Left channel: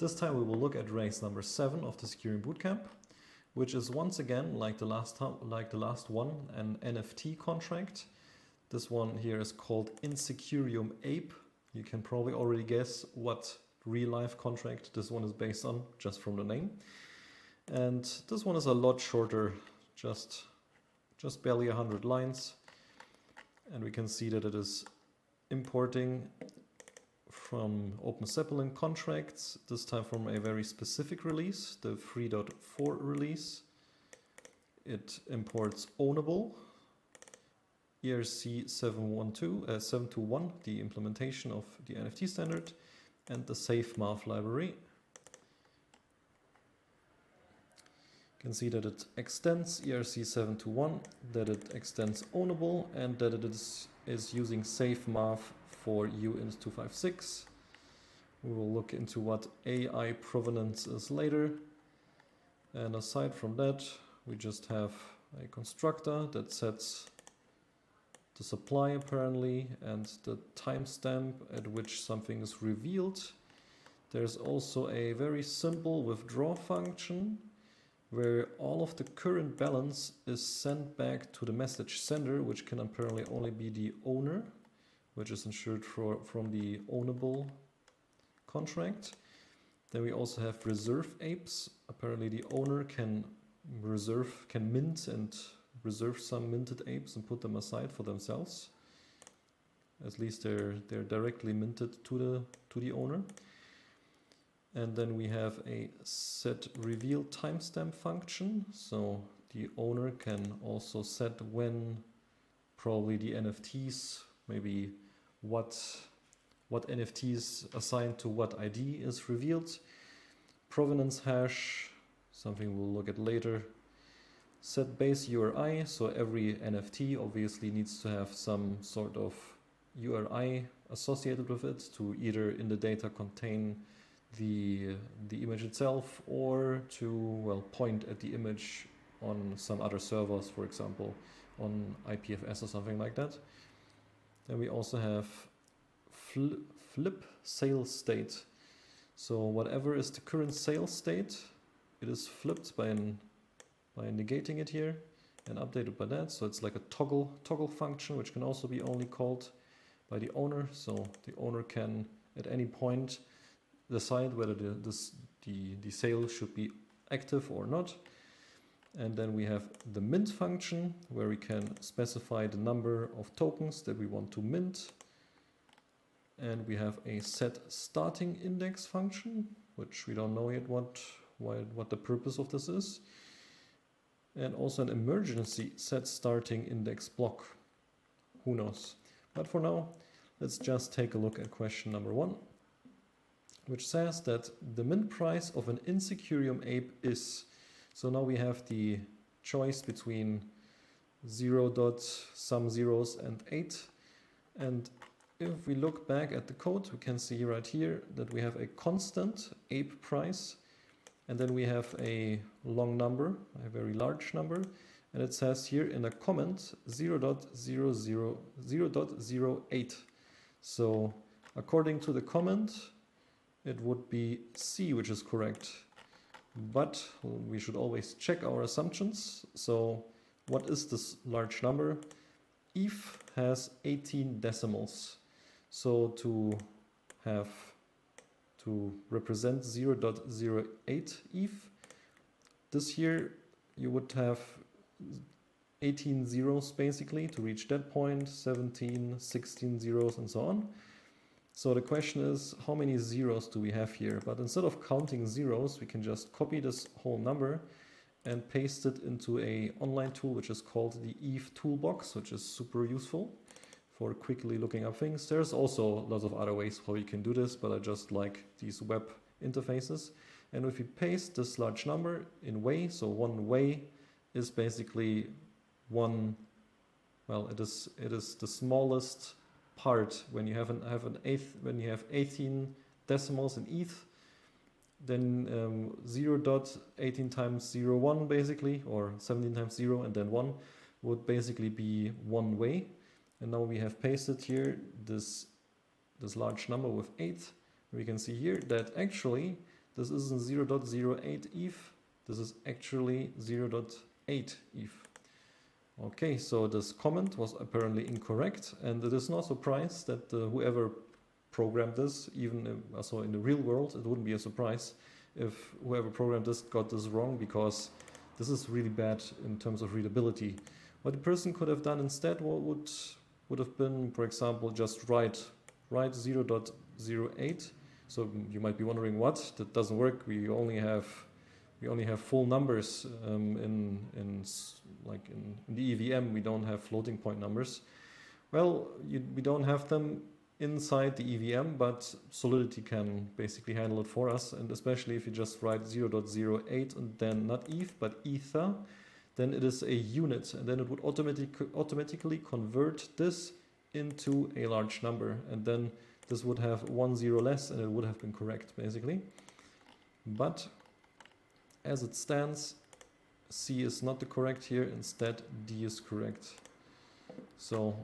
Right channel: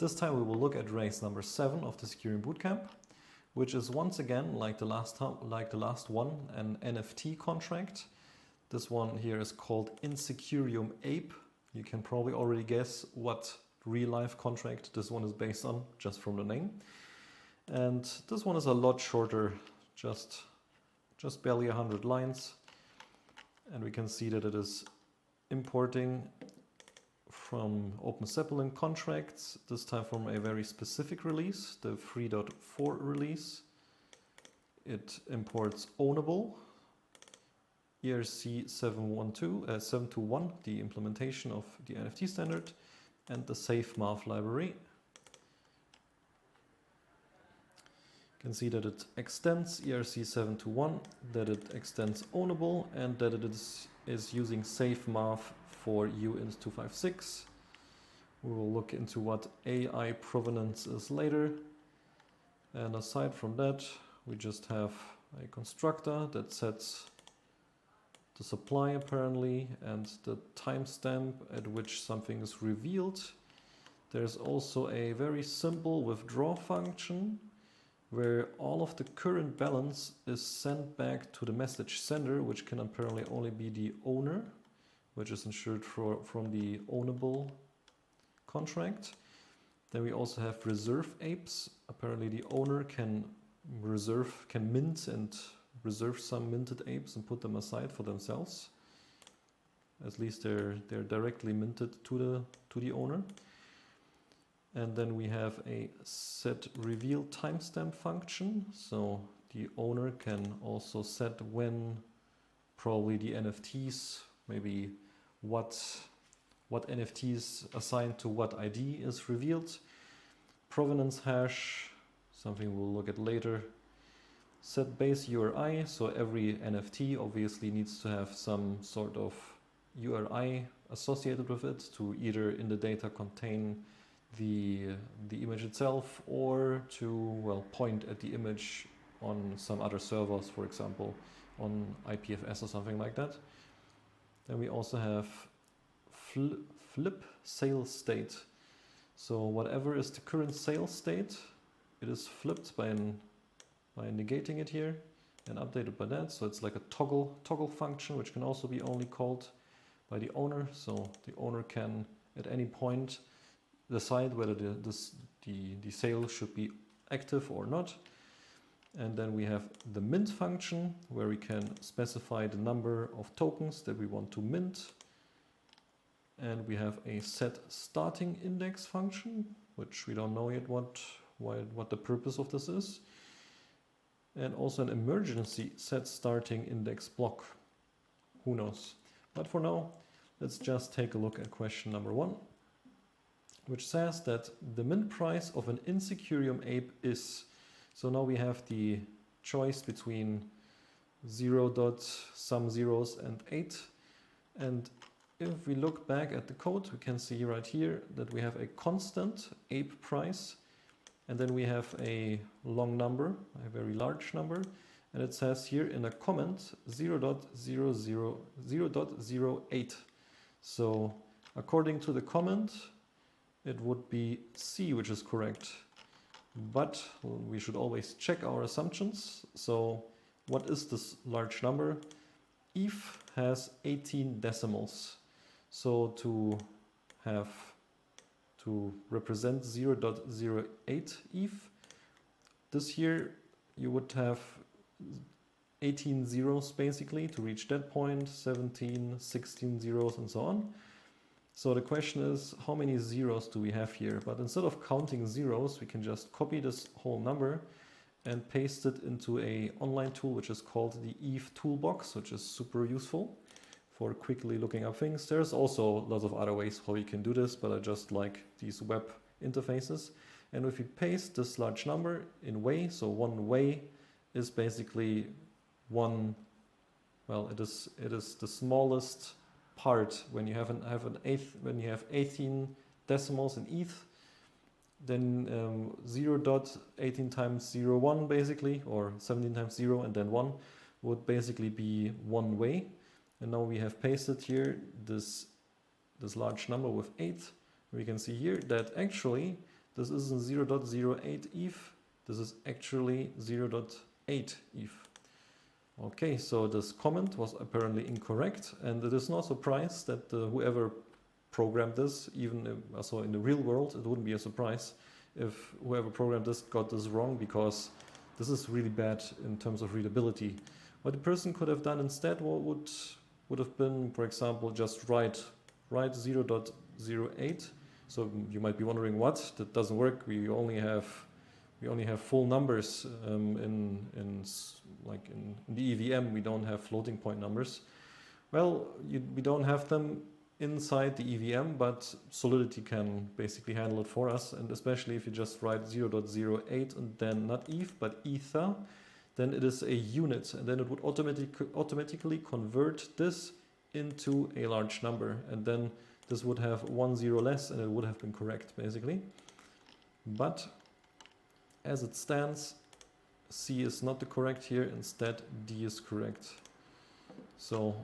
This time we will look at race number 7 of the Secureum Bootcamp, which is once again, like the last one, an NFT contract. This one here is called Secureum Ape. You can probably already guess what real-life contract this one is based on, just from the name. And this one is a lot shorter, just barely 100 lines. And we can see that it is importing from Open Zeppelin contracts, this time from a very specific release, the 3.4 release. It imports Ownable, ERC-721, the implementation of the NFT standard, and the Safe Math library. You can see that it extends ERC-721, that it extends Ownable, and that it is using Safe Math for uint256. We will look into what AI provenance is later. And aside from that, we just have a constructor that sets the supply apparently and the timestamp at which something is revealed. There's also a very simple withdraw function where all of the current balance is sent back to the message sender, which can apparently only be the owner, which is ensured from the ownable contract. Then we also have reserve apes. Apparently the owner can mint and reserve some minted apes and put them aside for themselves. At least they're directly minted to the owner. And then we have a set reveal timestamp function. So the owner can also set when probably the NFTs, maybe what NFTs assigned to what ID is revealed. Provenance hash, something we'll look at later. Set base URI, so every NFT obviously needs to have some sort of URI associated with it to either in the data contain the image itself or to, well, point at the image on some other servers, for example, on IPFS or something like that. Then we also have flip sales state. So whatever is the current sales state, it is flipped by negating it here and updated by that. So it's like a toggle function, which can also be only called by the owner. So the owner can at any point decide whether the sale should be active or not. And then we have the mint function, where we can specify the number of tokens that we want to mint. And we have a set starting index function, which we don't know yet what the purpose of this is. And also an emergency set starting index block. Who knows? But for now, let's just take a look at question number 1, which says that the mint price of an Secureum ape is. So now we have the choice between 0. some zeros and 8. And if we look back at the code, we can see right here that we have a constant ape price. And then we have a long number, a very large number. And it says here in a comment 0.08. So according to the comment, it would be C, which is correct. But we should always check our assumptions. So what is this large number? ETH has 18 decimals. So to represent 0.08 ETH, this here you would have 18 zeros basically to reach that point, 17, 16 zeros and so on. So the question is, how many zeros do we have here? But instead of counting zeros, we can just copy this whole number and paste it into an online tool, which is called the ETH Toolbox, which is super useful for quickly looking up things. There's also lots of other ways how you can do this, but I just like these web interfaces. And if you paste this large number in way, so 1 way is basically one, well, it is the smallest part. When you have when you have 18 decimals in ETH, then 0.18 times 0.1 basically, or 17 times 0 and then 1 would basically be 1 way. And now we have pasted here this large number with 8. We can see here that actually this isn't 0.08 ETH, this is actually 0.8 ETH. Okay, so this comment was apparently incorrect, and it is no surprise that whoever programmed this, even also in the real world, it wouldn't be a surprise if whoever programmed this got this wrong, because this is really bad in terms of readability. What the person could have done instead would have been, for example, just write 0.08. So you might be wondering, what? That doesn't work. We only have full numbers in the EVM. We don't have floating point numbers. Well, we don't have them inside the EVM, but Solidity can basically handle it for us. And especially if you just write 0.08 and then not ETH but Ether, then it is a unit, and then it would automatically convert this into a large number, and then this would have 1 0 less, and it would have been correct basically. But as it stands, C is not the correct here, instead D is correct. So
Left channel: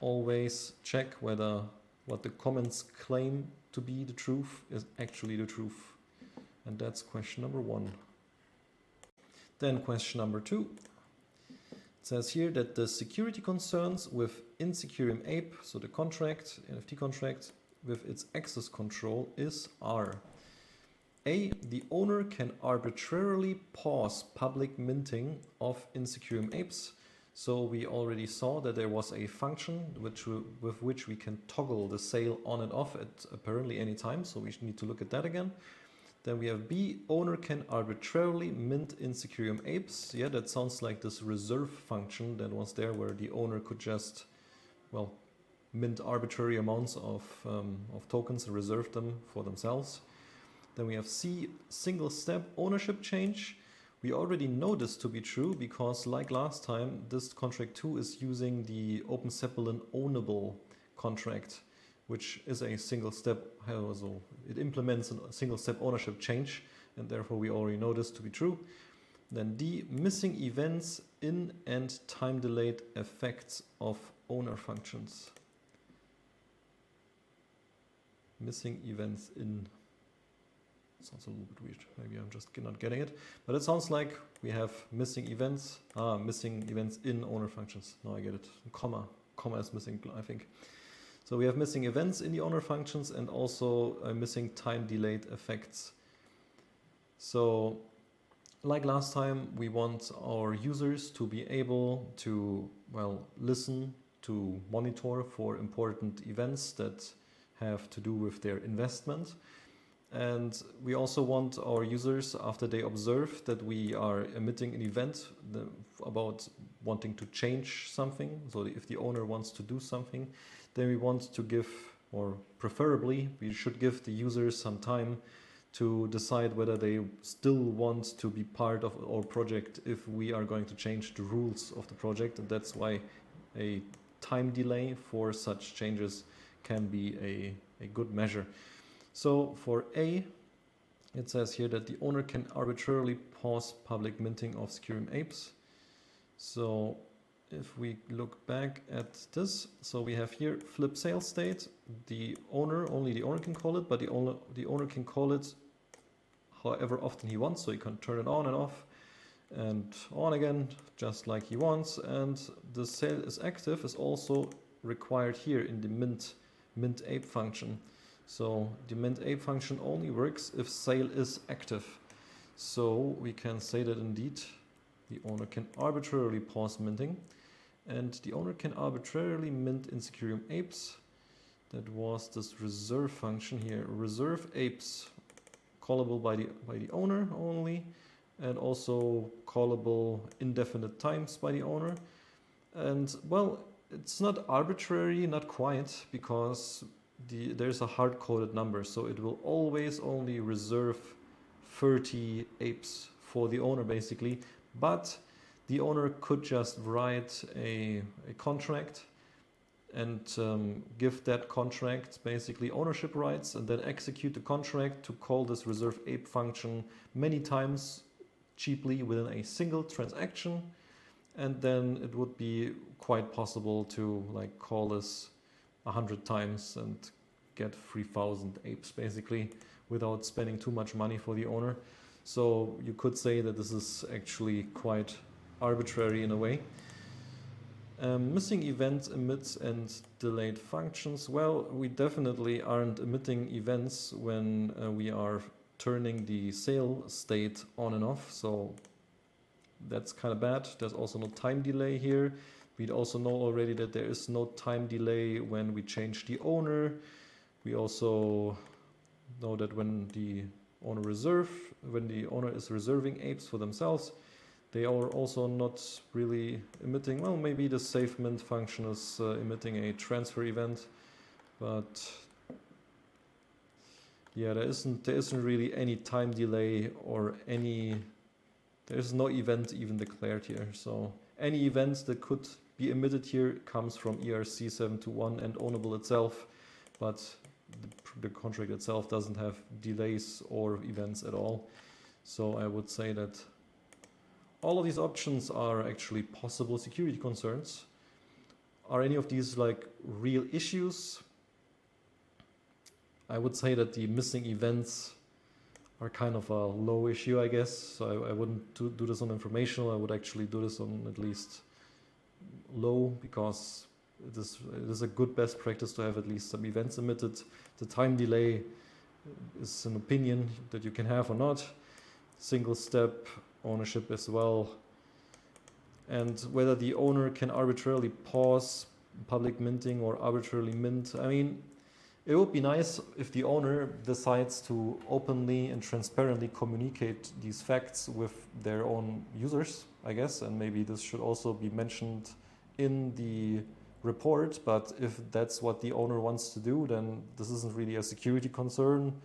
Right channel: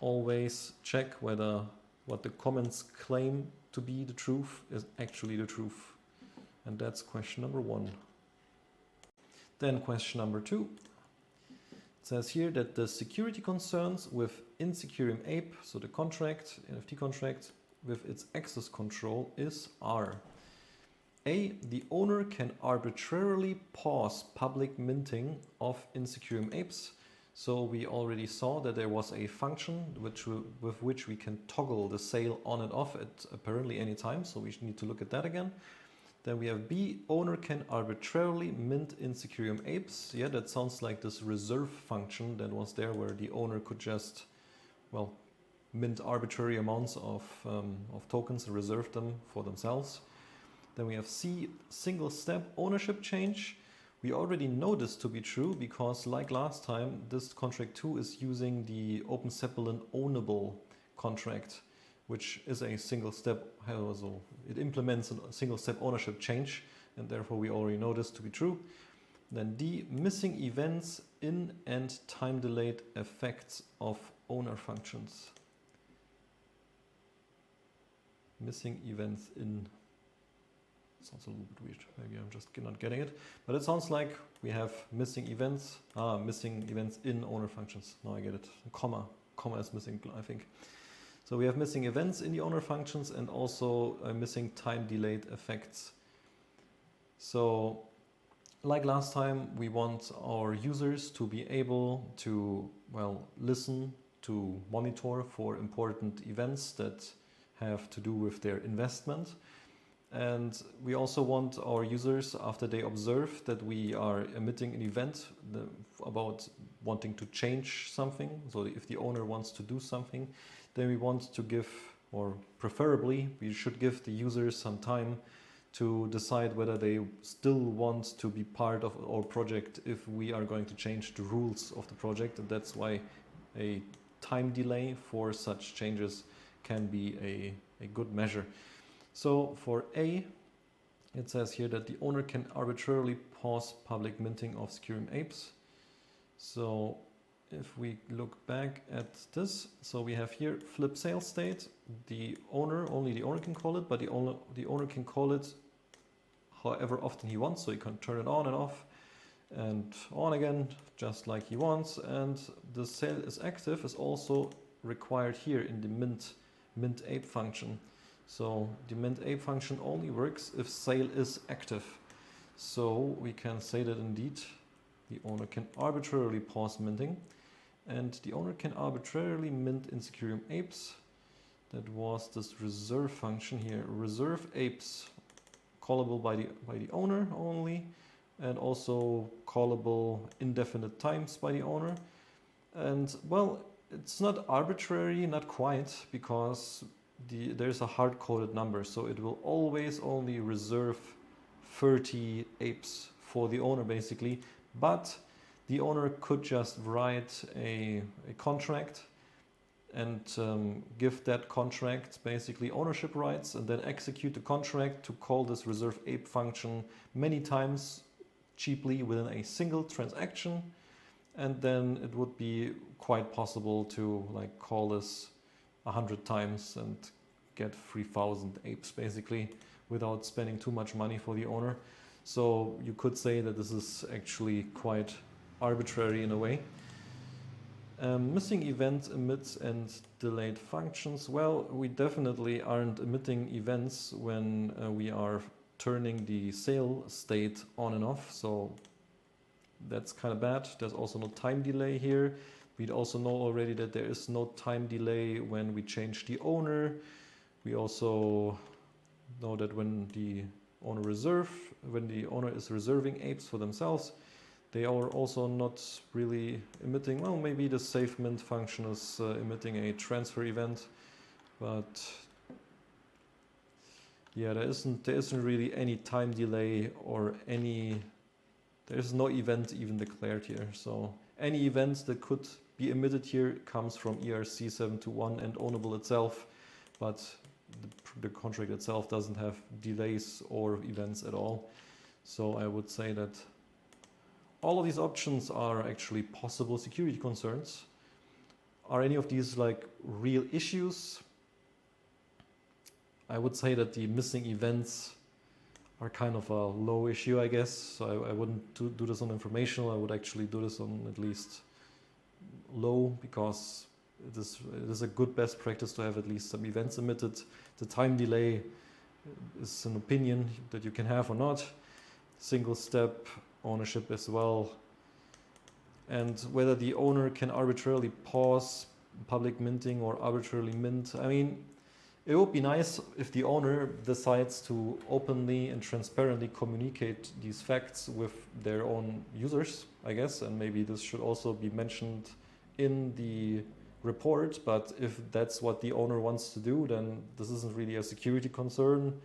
always check whether what the comments claim to be the truth is actually the truth. And that's question number 1. Then question number 2. It says here that the security concerns within Secureum Ape, so the contract, NFT contract, with its access control is R. A. The owner can arbitrarily pause public minting of Secureum Apes. So we already saw that there was a function with which we can toggle the sale on and off at apparently any time. So we need to look at that again. Then we have B. Owner can arbitrarily mint Secureum Apes. Yeah, that sounds like this reserve function that was there, where the owner could just, well, mint arbitrary amounts of tokens and reserve them for themselves. Then we have C. Single step ownership change. We already know this to be true because, like last time, this contract 2 is using the Open Zeppelin ownable contract, which is a single step, so it implements a single step ownership change, and therefore we already know this to be true. Then D. Missing events in and time delayed effects of owner functions. Missing events in. Sounds a little bit weird. Maybe I'm just not getting it. But it sounds like we have missing events. Missing events in owner functions. Now I get it. Comma is missing, I think. So we have missing events in the owner functions and also missing time delayed effects. So like last time, we want our users to be able to, well, listen, to monitor for important events that have to do with their investment. And we also want our users, after they observe that we are emitting an event about wanting to change something, so if the owner wants to do something, then we want to give, or preferably, we should give the users some time to decide whether they still want to be part of our project if we are going to change the rules of the project. And that's why a time delay for such changes can be a good measure. So for A, it says here that the owner can arbitrarily pause public minting of Secureum Apes. So if we look back at this, so we have here flip sale state. Only the owner can call it, but the owner can call it however often he wants. So he can turn it on and off and on again, just like he wants. And the sale is active is also required here in the mint ape function. So the mint ape function only works if sale is active. So we can say that indeed the owner can arbitrarily pause minting, and the owner can arbitrarily mint Secureum Apes. That was this reserve function here. Reserve apes, callable by the owner only, and also callable indefinite times by the owner. And well, it's not arbitrary, not quite, because there's a hard-coded number, so it will always only reserve 30 apes for the owner basically, but the owner could just write a contract and give that contract basically ownership rights, and then execute the contract to call this reserve ape function many times cheaply within a single transaction. And then it would be quite possible to like call this 100 times and get 3,000 apes basically without spending too much money for the owner. So you could say that this is actually quite arbitrary in a way. Missing events, emits and delayed functions. Well, we definitely aren't emitting events when we are turning the sale state on and off. So that's kind of bad. There's also no time delay here. We also know already that there is no time delay when we change the owner. We also know that when the owner is reserving apes for themselves, they are also not really emitting. Well, maybe the save mint function is emitting a transfer event, but yeah, there isn't really any time delay or there's no event even declared here. So any events that could be emitted here comes from ERC-721 and ownable itself, but the contract itself doesn't have delays or events at all. So I would say that all of these options are actually possible security concerns. Are any of these like real issues? I would say that the missing events are kind of a low issue, I guess. So I wouldn't do this on informational. I would actually do this on at least low, because it is a good best practice to have at least some events emitted. The time delay is an opinion that you can have or not. Single step ownership as well. And whether the owner can arbitrarily pause public minting or arbitrarily mint. I mean, it would be nice if the owner decides to openly and transparently communicate these facts with their own users, I guess, and maybe this should also be mentioned in the report. But if that's what the owner wants to do, then this isn't really a security concern.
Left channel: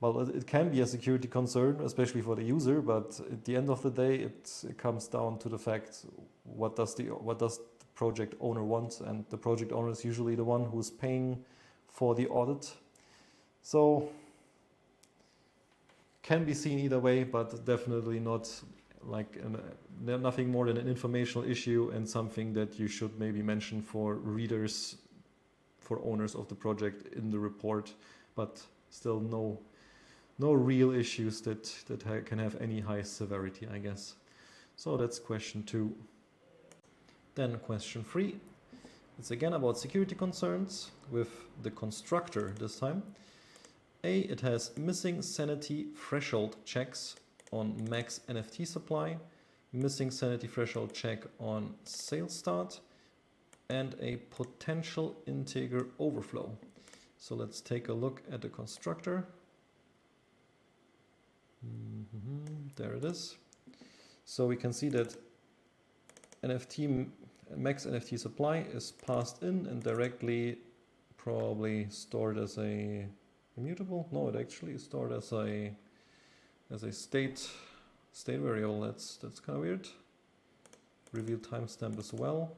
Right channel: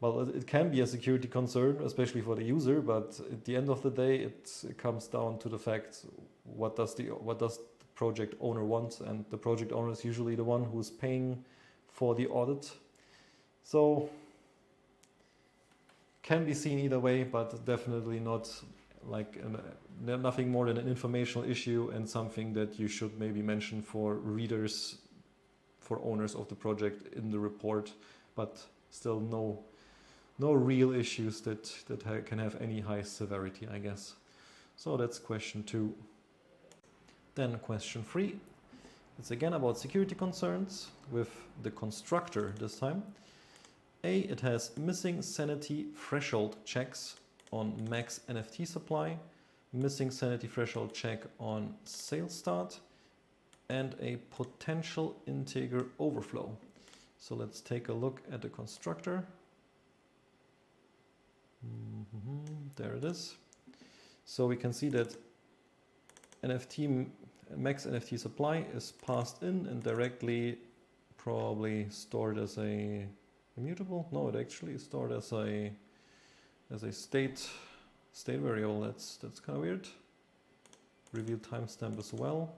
Well, it can be a security concern, especially for the user, but at the end of the day, it comes down to the fact, what does the project owner want? And the project owner is usually the one who's paying for the audit. So can be seen either way, but definitely not like nothing more than an informational issue and something that you should maybe mention for readers, for owners of the project in the report, but still no real issues that can have any high severity, I guess. So that's question 2. Then question 3. It's again about security concerns with the constructor this time. A, it has missing sanity threshold checks on max NFT supply, missing sanity threshold check on sale start, and a potential integer overflow. So let's take a look at the constructor. There it is. So we can see that max NFT supply is passed in and directly probably stored as a immutable. No, it actually is stored as a state variable. That's kind of weird. Reveal timestamp as well,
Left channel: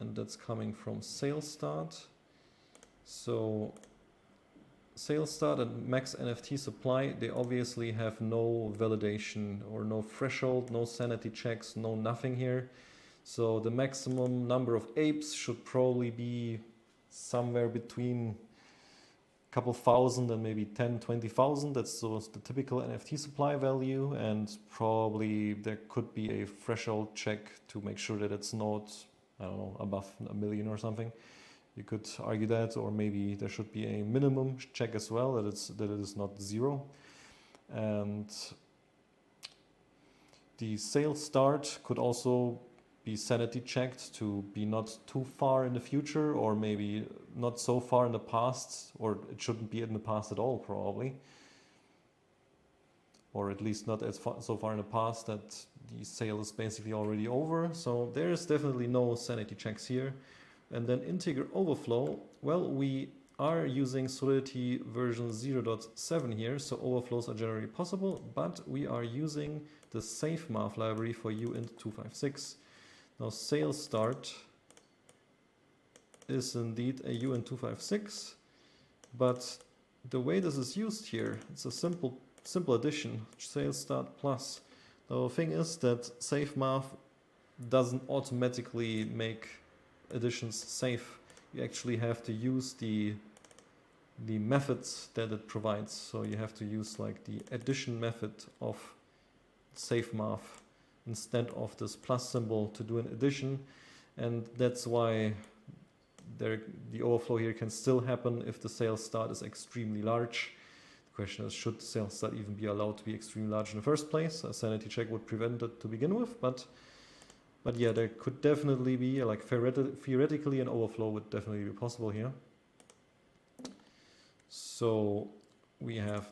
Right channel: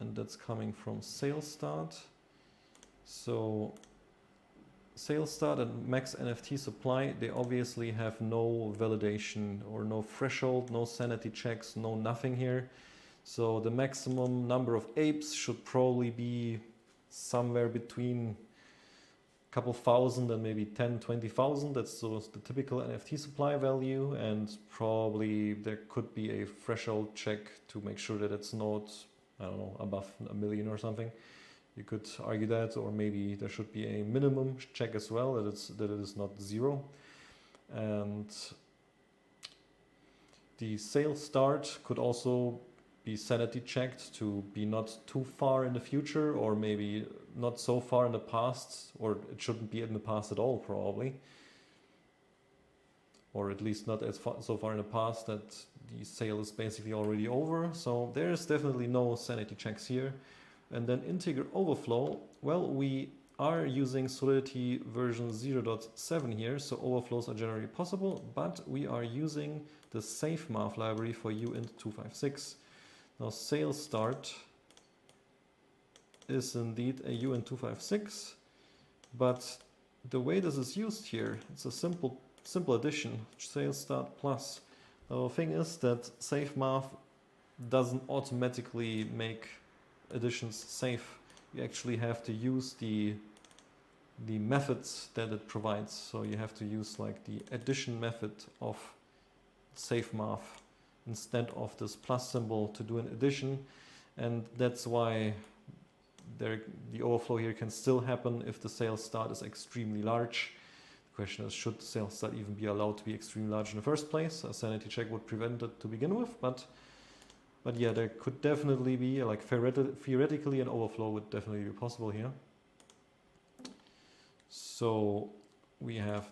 and that's coming from sales start. So sales start and max NFT supply, they obviously have no validation or no threshold, no sanity checks, no nothing here. So the maximum number of apes should probably be somewhere between a couple thousand and maybe 10, 20,000. That's the typical NFT supply value, and probably there could be a threshold check to make sure that it's not, I don't know, above 1 million or something. You could argue that, or maybe there should be a minimum check as well, that it is not 0. And the sales start could also be sanity checked to be not too far in the future, or maybe not so far in the past, or it shouldn't be in the past at all probably, or at least not so far in the past that the sale is basically already over. So there is definitely no sanity checks here. And then integer overflow, well, we are using Solidity version 0.7 here, so overflows are generally possible, but we are using the SafeMath library for uint256. Now sales start is indeed a uint256, but the way this is used here, it's a simple addition, sales start plus. Now the thing is that SafeMath doesn't automatically make additions safe. You actually have to use the the methods that it provides. So you have to use like the addition method of SafeMath instead of this plus symbol to do an addition, and that's why the overflow here can still happen if the sales start is extremely large. The question is, should the sales start even be allowed to be extremely large in the first place? A sanity check would prevent it to begin with, but yeah, there could definitely be, like theoretically, an overflow would definitely be possible here. So we have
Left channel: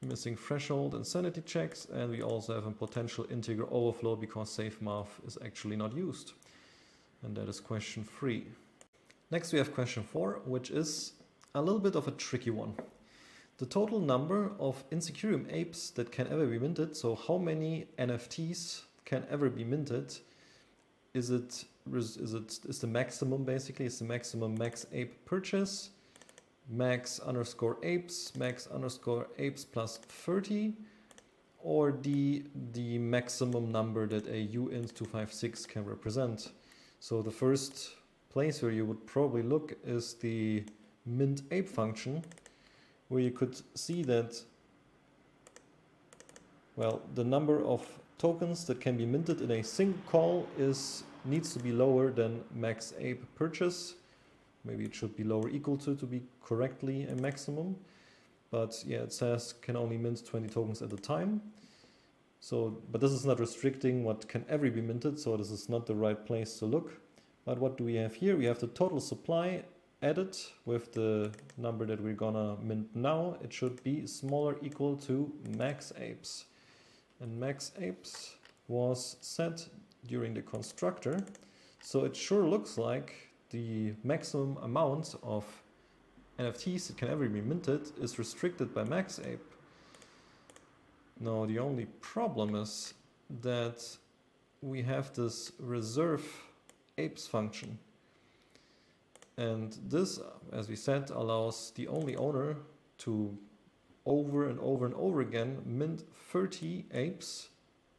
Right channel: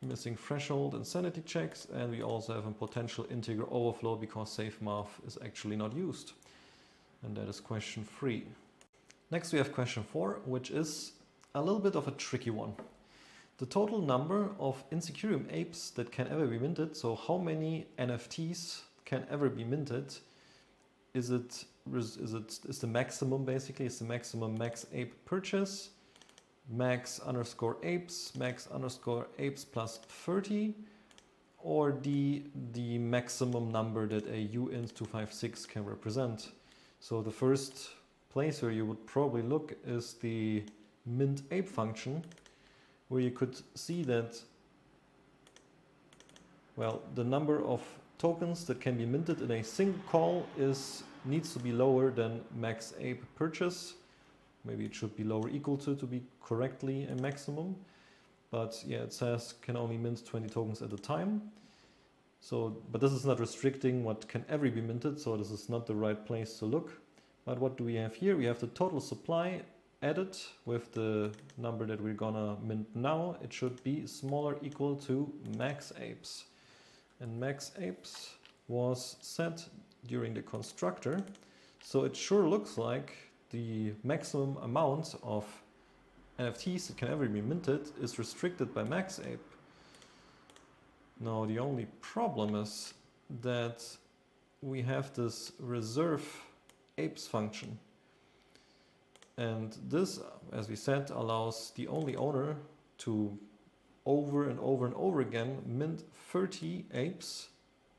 missing threshold and sanity checks, and we also have a potential integer overflow because SafeMath is actually not used. And that is question 3. Next we have question 4, which is a little bit of a tricky one. The total number of Secureum apes that can ever be minted, so how many NFTs can ever be minted, is the maximum basically, is the maximum max ape purchase, max underscore apes plus 30, or the maximum number that a uint256 can represent. So the first place where you would probably look is the mint ape function, where you could see that, well, the number of tokens that can be minted in a single call needs to be lower than max ape purchase. Maybe it should be lower equal to be correctly a maximum. But yeah, it says can only mint 20 tokens at a time. So, but this is not restricting what can ever be minted, so this is not the right place to look. But what do we have here? We have the total supply added with the number that we're gonna mint now. It should be smaller equal to max apes. And max apes was set during the constructor. So it sure looks like the maximum amount of NFTs that can ever be minted is restricted by max ape. Now the only problem is that we have this reserve apes function. And this, as we said, allows the only owner to over and over again mint 30 apes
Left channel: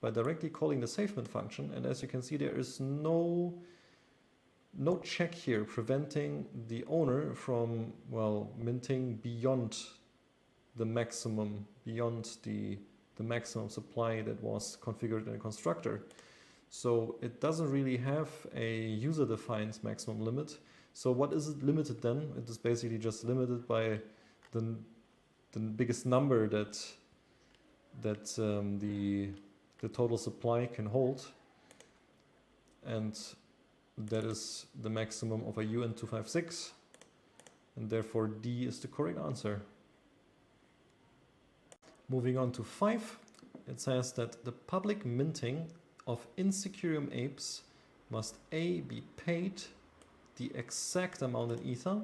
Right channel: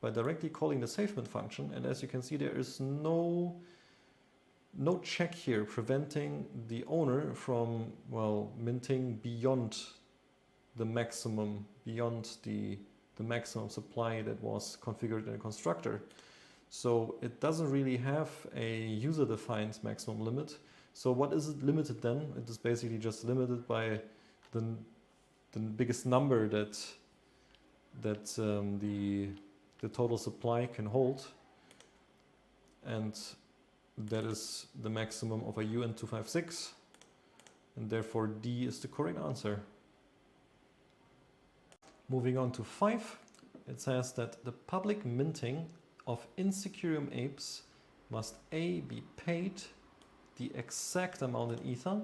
by directly calling the SafeMint function. And as you can see, there is no check here preventing the owner from, well, minting beyond the maximum, beyond the maximum supply that was configured in a constructor. So it doesn't really have a user-defined maximum limit. So what is it limited then? It is basically just limited by the biggest number that the total supply can hold, and that is the maximum of a uint256, and therefore D is the correct answer. Moving on to 5, it says that the public minting of Secureum apes must A, be paid the exact amount in ether.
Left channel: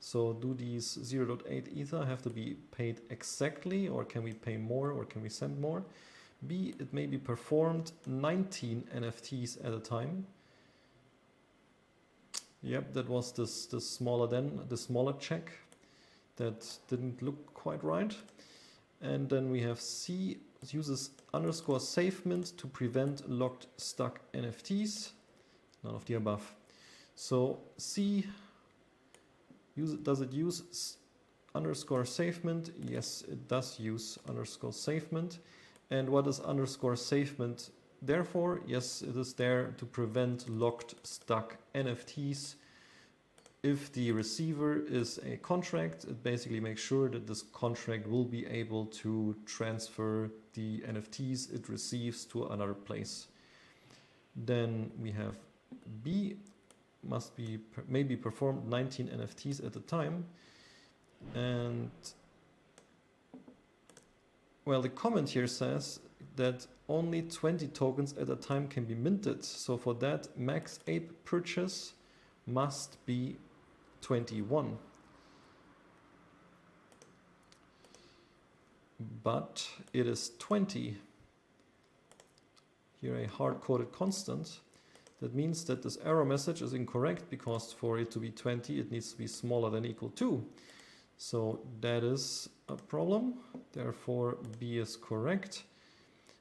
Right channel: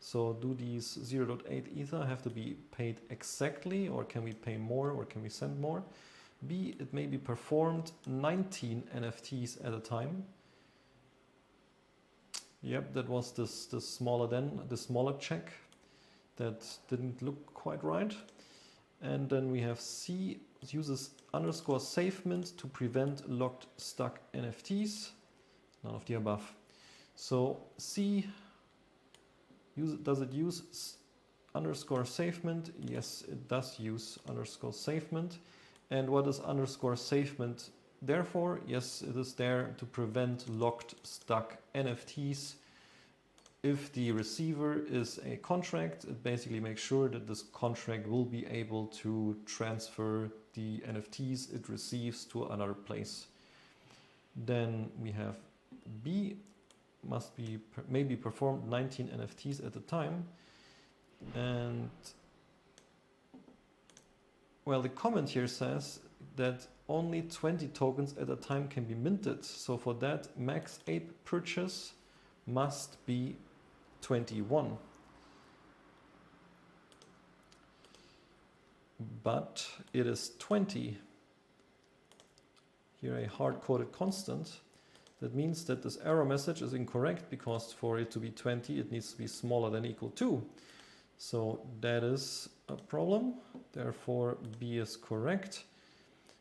So do these 0.8 ether have to be paid exactly, or can we pay more, or can we send more? B, it may be performed 19 NFTs at a time. Yep, that was the smaller check that didn't look quite right. And then we have C, uses underscore SafeMint to prevent locked stuck NFTs. None of the above. So C, does it use underscore SafeMint? Yes, it does use underscore SafeMint. And what is underscore SafeMint there for? Yes, it is there to prevent locked stuck NFTs. If the receiver is a contract, it basically makes sure that this contract will be able to transfer the NFTs it receives to another place. Then we have B, may be performed 19 NFTs at a time. And well, the comment here says that only 20 tokens at a time can be minted. So for that, max ape purchase must be 21. But it is 20. Here a hard-coded constant. That means that this error message is incorrect, because for it to be 20, it needs to be smaller than equal to. So that is a problem. Therefore, B is correct.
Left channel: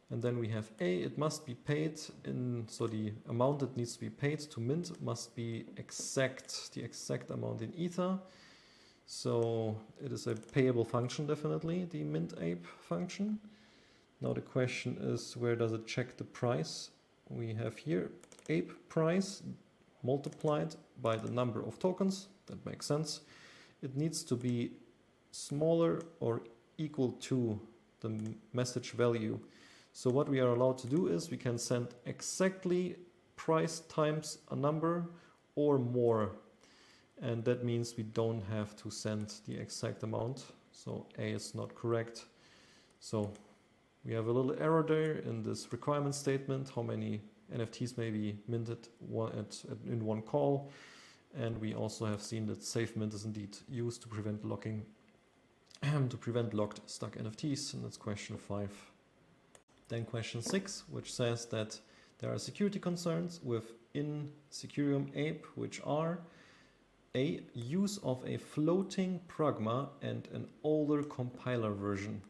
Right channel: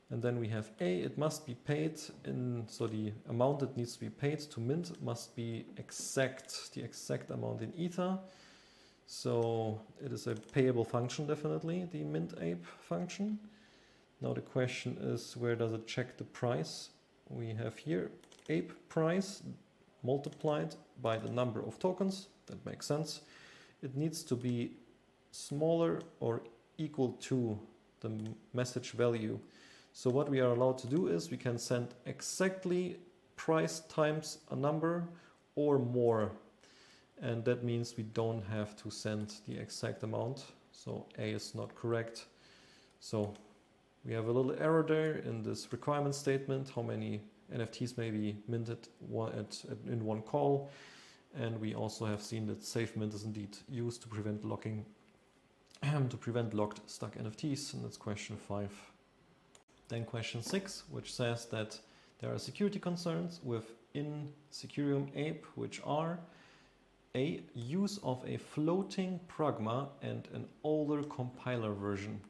And then we have A, it must be paid so the amount that needs to be paid to mint must be exact, the exact amount in ether. So it is a payable function, definitely, the mint_ape function. Now the question is, where does it check the price? We have here ape price multiplied by the number of tokens. That makes sense. It needs to be smaller or equal to the message value. So what we are allowed to do is we can send exactly price times a number or more. And that means we don't have to send the exact amount. So A is not correct. So we have a little error there in this requirement statement, how many NFTs may be minted in one call. And we also have seen that safe mint is indeed used to prevent locking, to prevent locked stuck NFTs, and that's question 5. Then question 6, which says that there are security concerns within Secureum Ape, which are a use of a floating pragma and an older compiler version.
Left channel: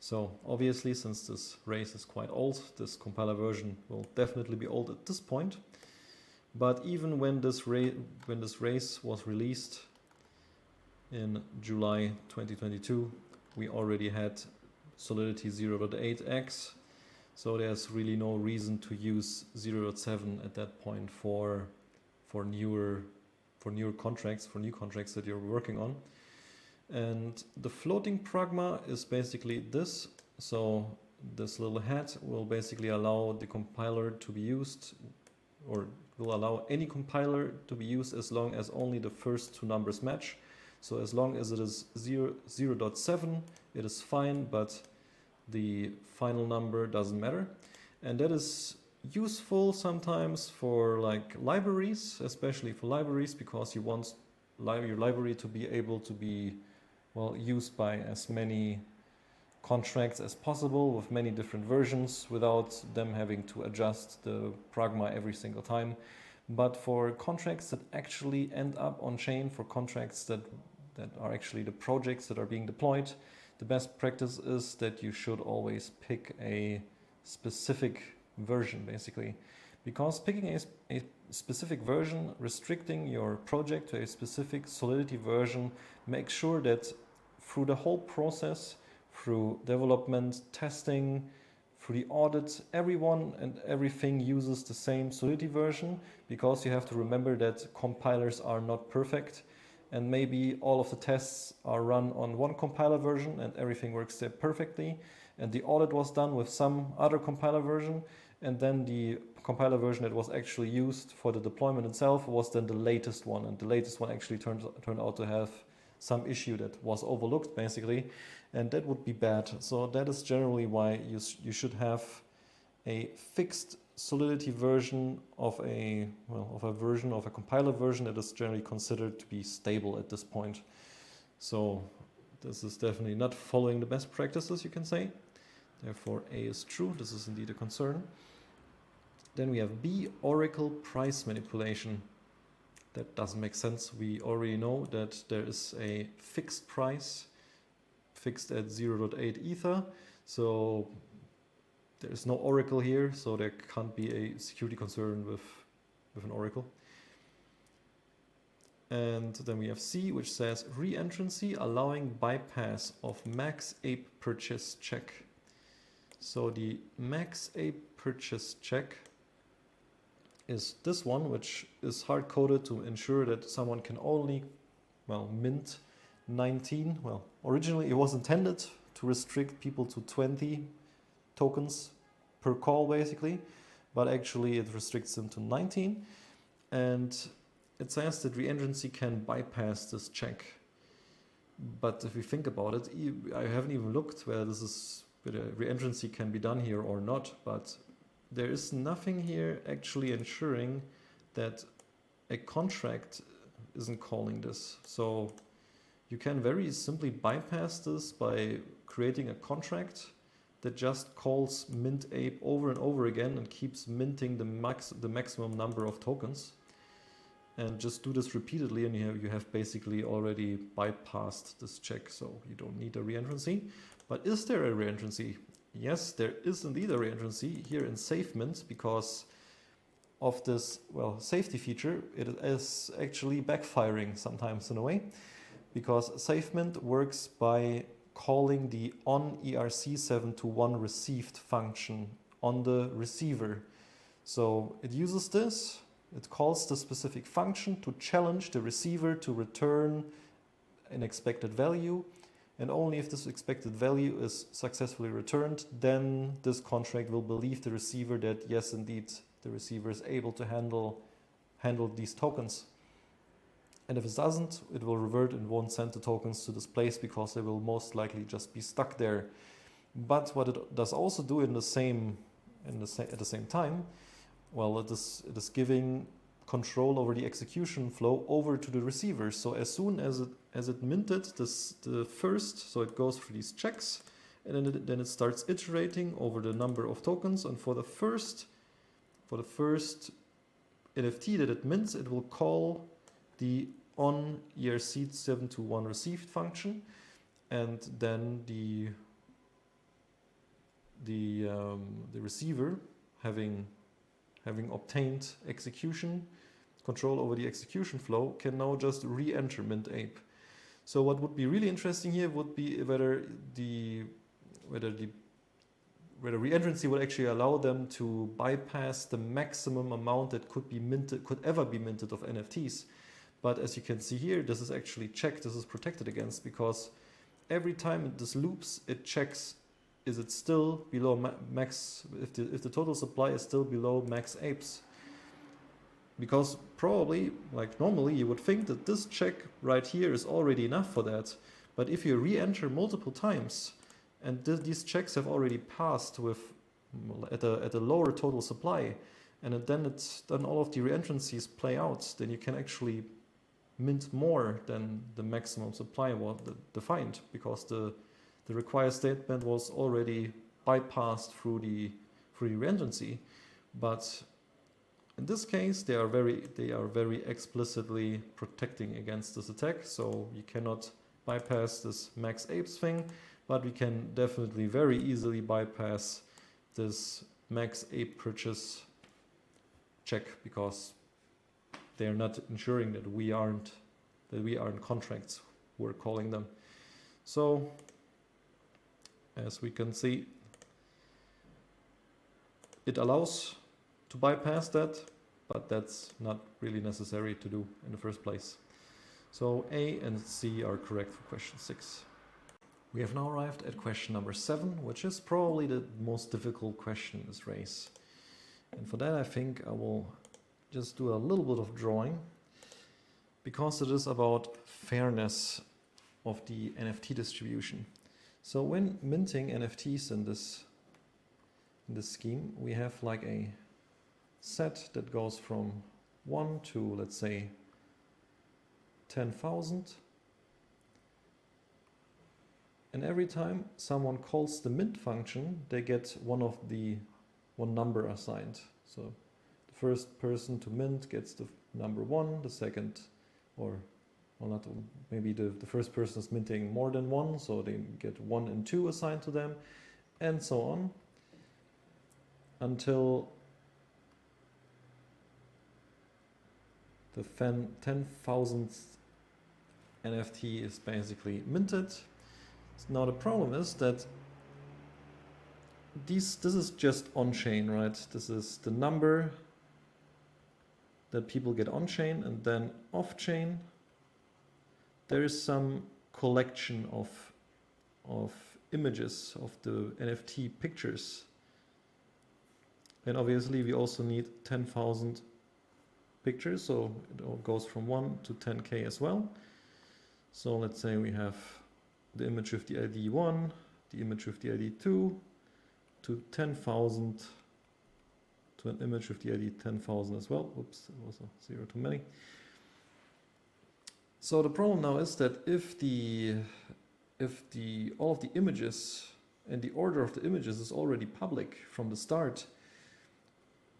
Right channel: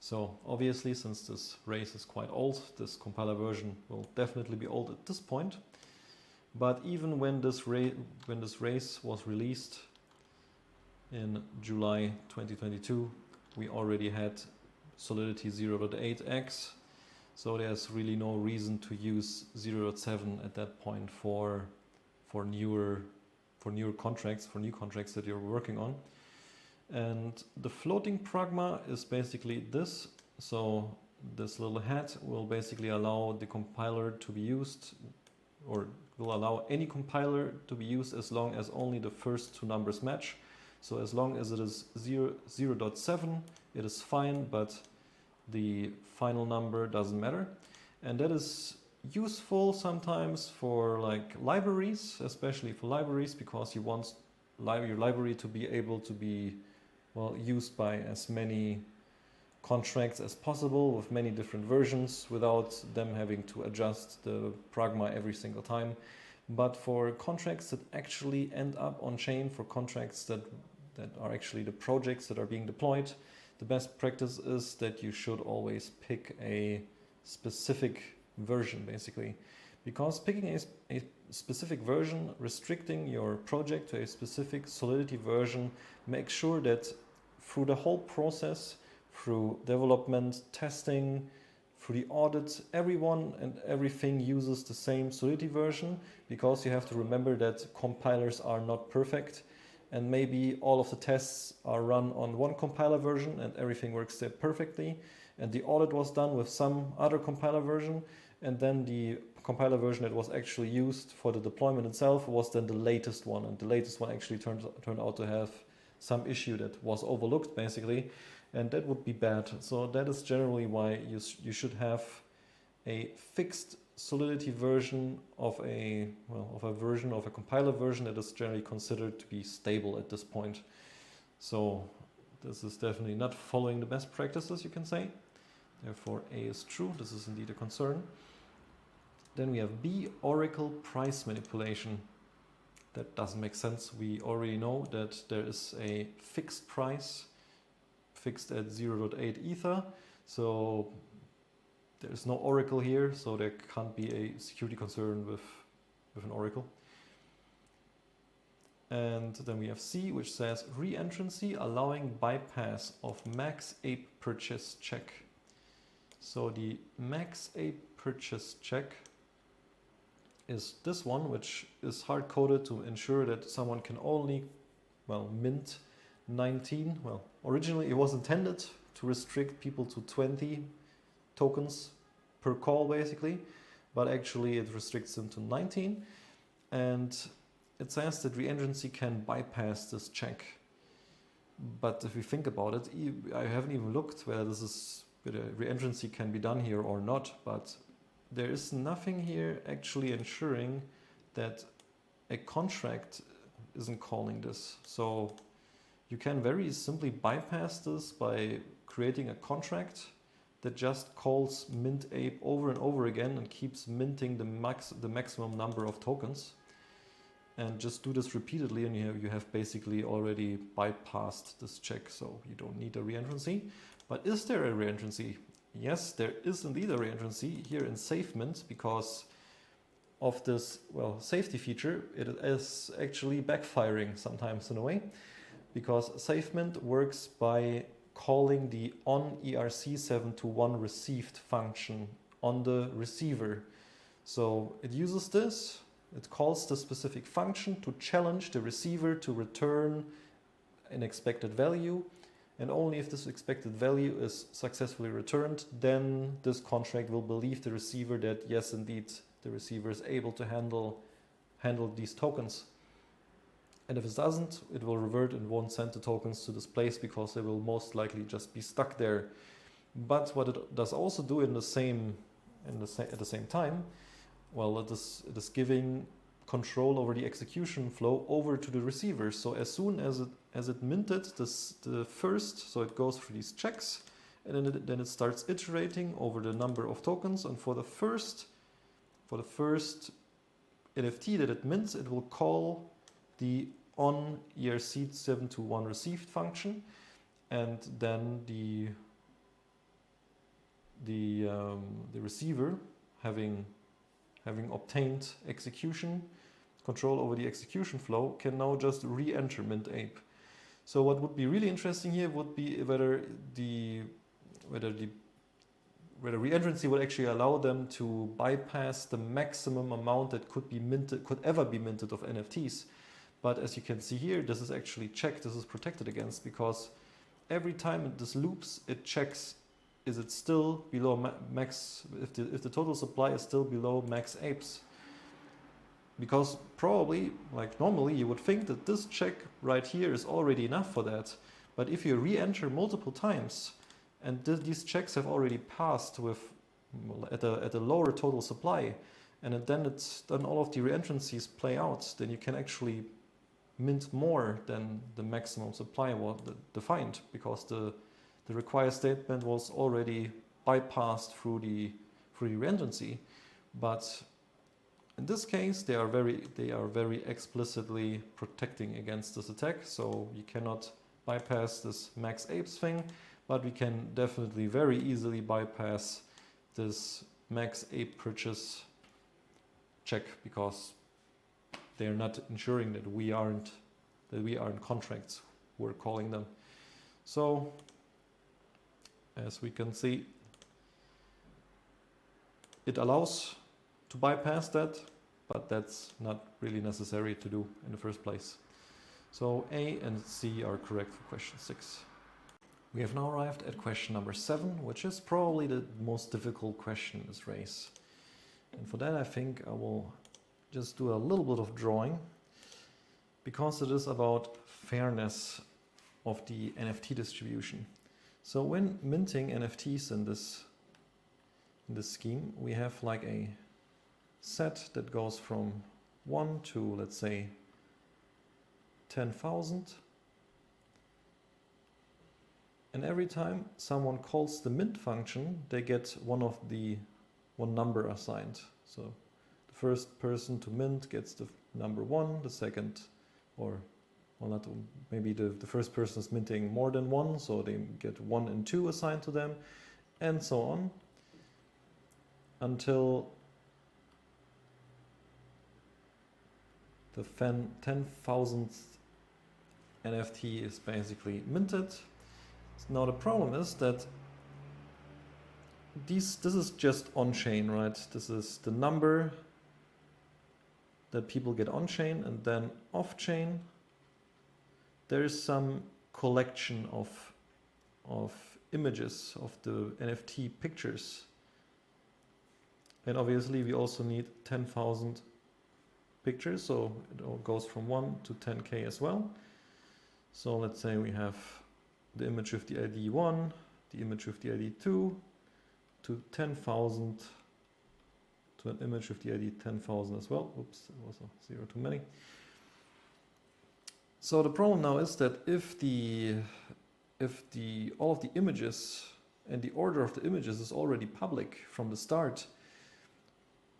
So obviously, since this race is quite old, this compiler version will definitely be old at this point. But even when this race was released in July 2022, we already had Solidity 0.8x. So there's really no reason to use 0.7 at that point for newer contracts, for new contracts that you're working on. And the floating pragma is basically this. So this little hat will basically allow the compiler to be used, or will allow any compiler to be used as long as only the first two numbers match. So as long as it is 0.7, it is fine, but the final number doesn't matter. And that is useful sometimes for like libraries, especially for libraries, because you want your library to be able to be used by as many contracts as possible with many different versions without them having to adjust the pragma every single time. But for contracts that actually end up on chain, for contracts that are actually the projects that are being deployed, the best practice is that you should always pick a specific version, basically. Because picking a specific version, restricting your project to a specific Solidity version, makes sure that through the whole process, through development, testing, through the audit, everyone and everything uses the same Solidity version, because you have to remember that compilers are not perfect, and maybe all of the tests are run on one compiler version and everything works there perfectly, and the audit was done with some other compiler version, and then the compiler version that was actually used for the deployment itself was then the latest one, and the latest one actually turned out to have some issue that was overlooked, basically, and that would be bad. So that is generally why you should have a fixed Solidity version of a compiler version that is generally considered to be stable at this point. So this is definitely not following the best practices, you can say. Therefore, A is true. This is indeed a concern. Then we have B, Oracle price manipulation. That doesn't make sense. We already know that there is a fixed price, fixed at 0.8 Ether. So there is no Oracle here, so there can't be a security concern with an Oracle. And then we have C, which says re-entrancy allowing bypass of max ape purchase check. So the max ape purchase check is this one, which is hard-coded to ensure that someone can only, mint 19. Well, originally it was intended to restrict people to 20 tokens per call, basically, but actually it restricts them to 19. And it says that re-entrancy can bypass this check. But if we think about it, I haven't even looked whether re-entrancy can be done here or not, but there is nothing here actually ensuring that a contract isn't calling this. So you can very simply bypass this by creating a contract that just calls mint ape over and over again and keeps minting the maximum number of tokens. And just do this repeatedly, and you have basically already bypassed this check, so you don't need a re-entrancy. But is there a re-entrancy? Yes, there is indeed a re-entrancy here in SafeMint, because of this safety feature. It is actually backfiring sometimes in a way. because SafeMint works by calling the on ERC7 to 1 received function on the receiver. So it uses this, it calls the specific function to challenge the receiver to return an expected value, and only if this expected value is successfully returned, then this contract will believe the receiver that yes, indeed, the receiver is able to handle these tokens. And if it doesn't, it will revert and won't send the tokens to this place because they will most likely just be stuck there. But what it does also do at the same time, well, it is giving control over the execution flow over to the receiver. So as soon as it minted the first, so it goes through these checks, and then it starts iterating over the number of tokens. And for the first NFT that it mints, it will call the on ERC7 to 1 received function, and then the receiver, having obtained execution control over the execution flow, can now just re-enter mint ape. So what would be really interesting here would be whether re-entrancy would actually allow them to bypass the maximum amount that could ever be minted of NFTs. But as you can see here, this is actually checked, this is protected against, because every time this loops, it checks, is it still below max, if the total supply is still below max apes. Because probably, like normally, you would think that this check right here is already enough for that. But if you re-enter multiple times, and these checks have already passed with at a lower total supply, and then all of the re-entrancies play out, then you can actually mint more than the maximum supply was defined, because the required statement was already bypassed through the re-entrancy. But in this case, they are very explicitly protecting against this attack, so you cannot bypass this max apes thing, but we can definitely very easily bypass this max ape purchase check, because they are not ensuring that we aren't contracts, we're calling them. So as we can see, it allows to bypass that, but that's not really necessary to do in the first place. So A and C are correct for question 6. We have now arrived at question number 7, which is probably the most difficult question in this race. And for that, I think I will just do a little bit of drawing, because it is about fairness of the NFT distribution. So when minting NFTs in this scheme, we have like a set that goes from 1 to, let's say, 10,000. And every time someone calls the mint function, they get one number assigned. So the first person to mint gets the number 1, the second, maybe the first person is minting more than 1, so they get 1 and 2 assigned to them, and so on, until the 10,000th NFT is basically minted. Now the problem is that this is just on-chain, right? This is the number that people get on-chain, and then off-chain there is some collection of images of the NFT pictures. And obviously we also need 10,000 pictures, so it all goes from 1 to 10k as well. So let's say we have the image with the ID 1, the image with the ID 2, to 10,000, to an image with the ID 10,000 as well. Oops, that was a 0 too many. So the problem now is that if all of the images and the order of the images is already public from the start,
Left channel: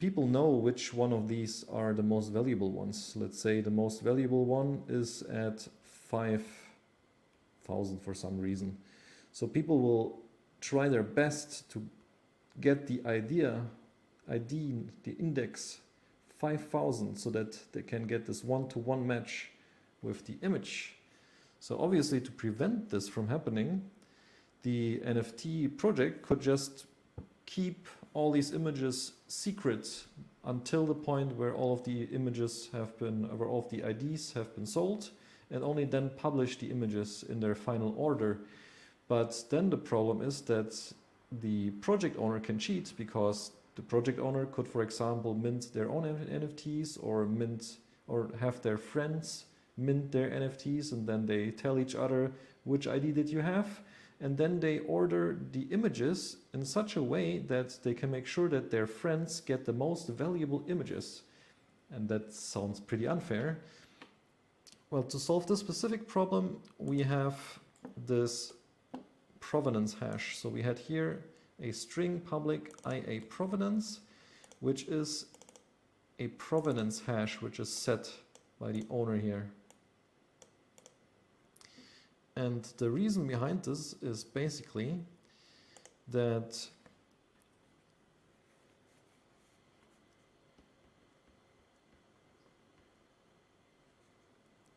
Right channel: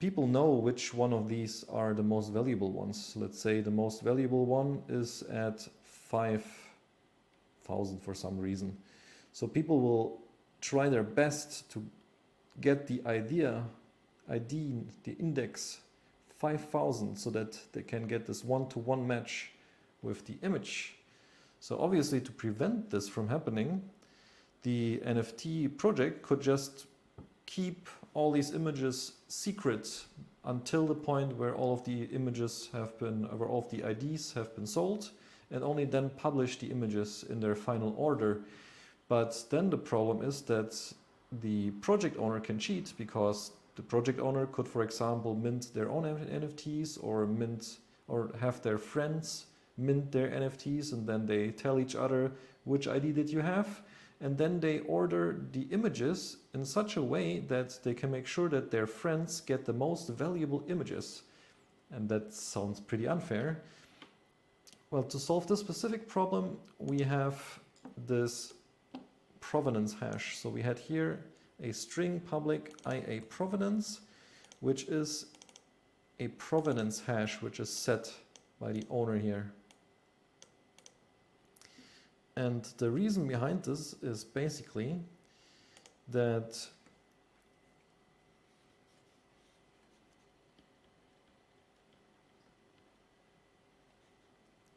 people know which one of these are the most valuable ones. Let's say the most valuable one is at 5,000 for some reason. So people will try their best to get the ID, the index 5,000, so that they can get this one-to-one match with the image. So obviously, to prevent this from happening, the NFT project could just keep all these images secret until the point where all of the images have been, where all of the IDs have been sold, and only then publish the images in their final order. But then the problem is that the project owner can cheat, because the project owner could, for example, mint their own NFTs, or have their friends mint their NFTs, and then they tell each other, which ID did you have? And then they order the images in such a way that they can make sure that their friends get the most valuable images. And that sounds pretty unfair. Well, to solve this specific problem, we have this provenance hash. So we had here a string public IA provenance, which is a provenance hash which is set by the owner here. And the reason behind this is basically that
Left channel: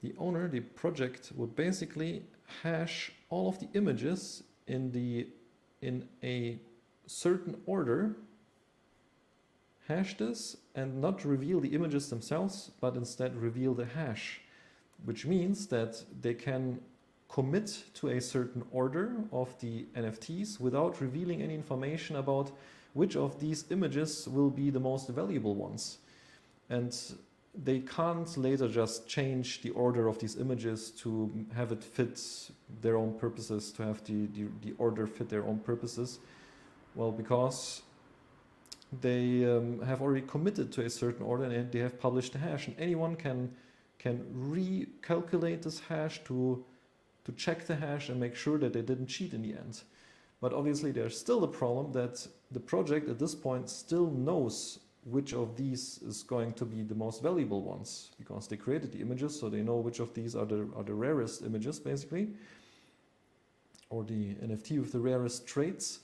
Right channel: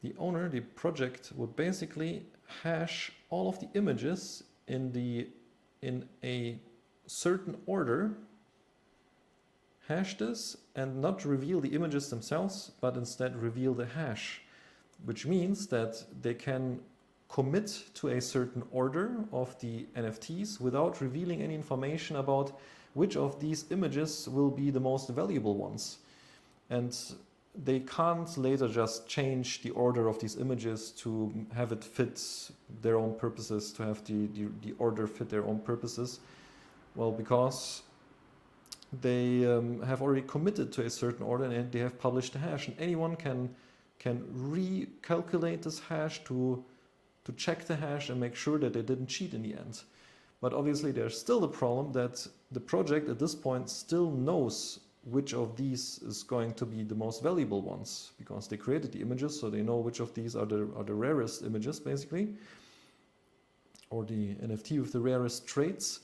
the owner, the project, would basically hash all of the images in a certain order, hash this, and not reveal the images themselves, but instead reveal the hash, which means that they can commit to a certain order of the NFTs without revealing any information about which of these images will be the most valuable ones. And they can't later just change the order of these images to have it fit their own purposes, to have the order fit their own purposes. Well, because they have already committed to a certain order and they have published the hash, and anyone can recalculate this hash to check the hash and make sure that they didn't cheat in the end. But obviously there's still the problem that the project at this point still knows which of these is going to be the most valuable ones, because they created the images, so they know which of these are the rarest images, basically, or the NFT with the rarest traits.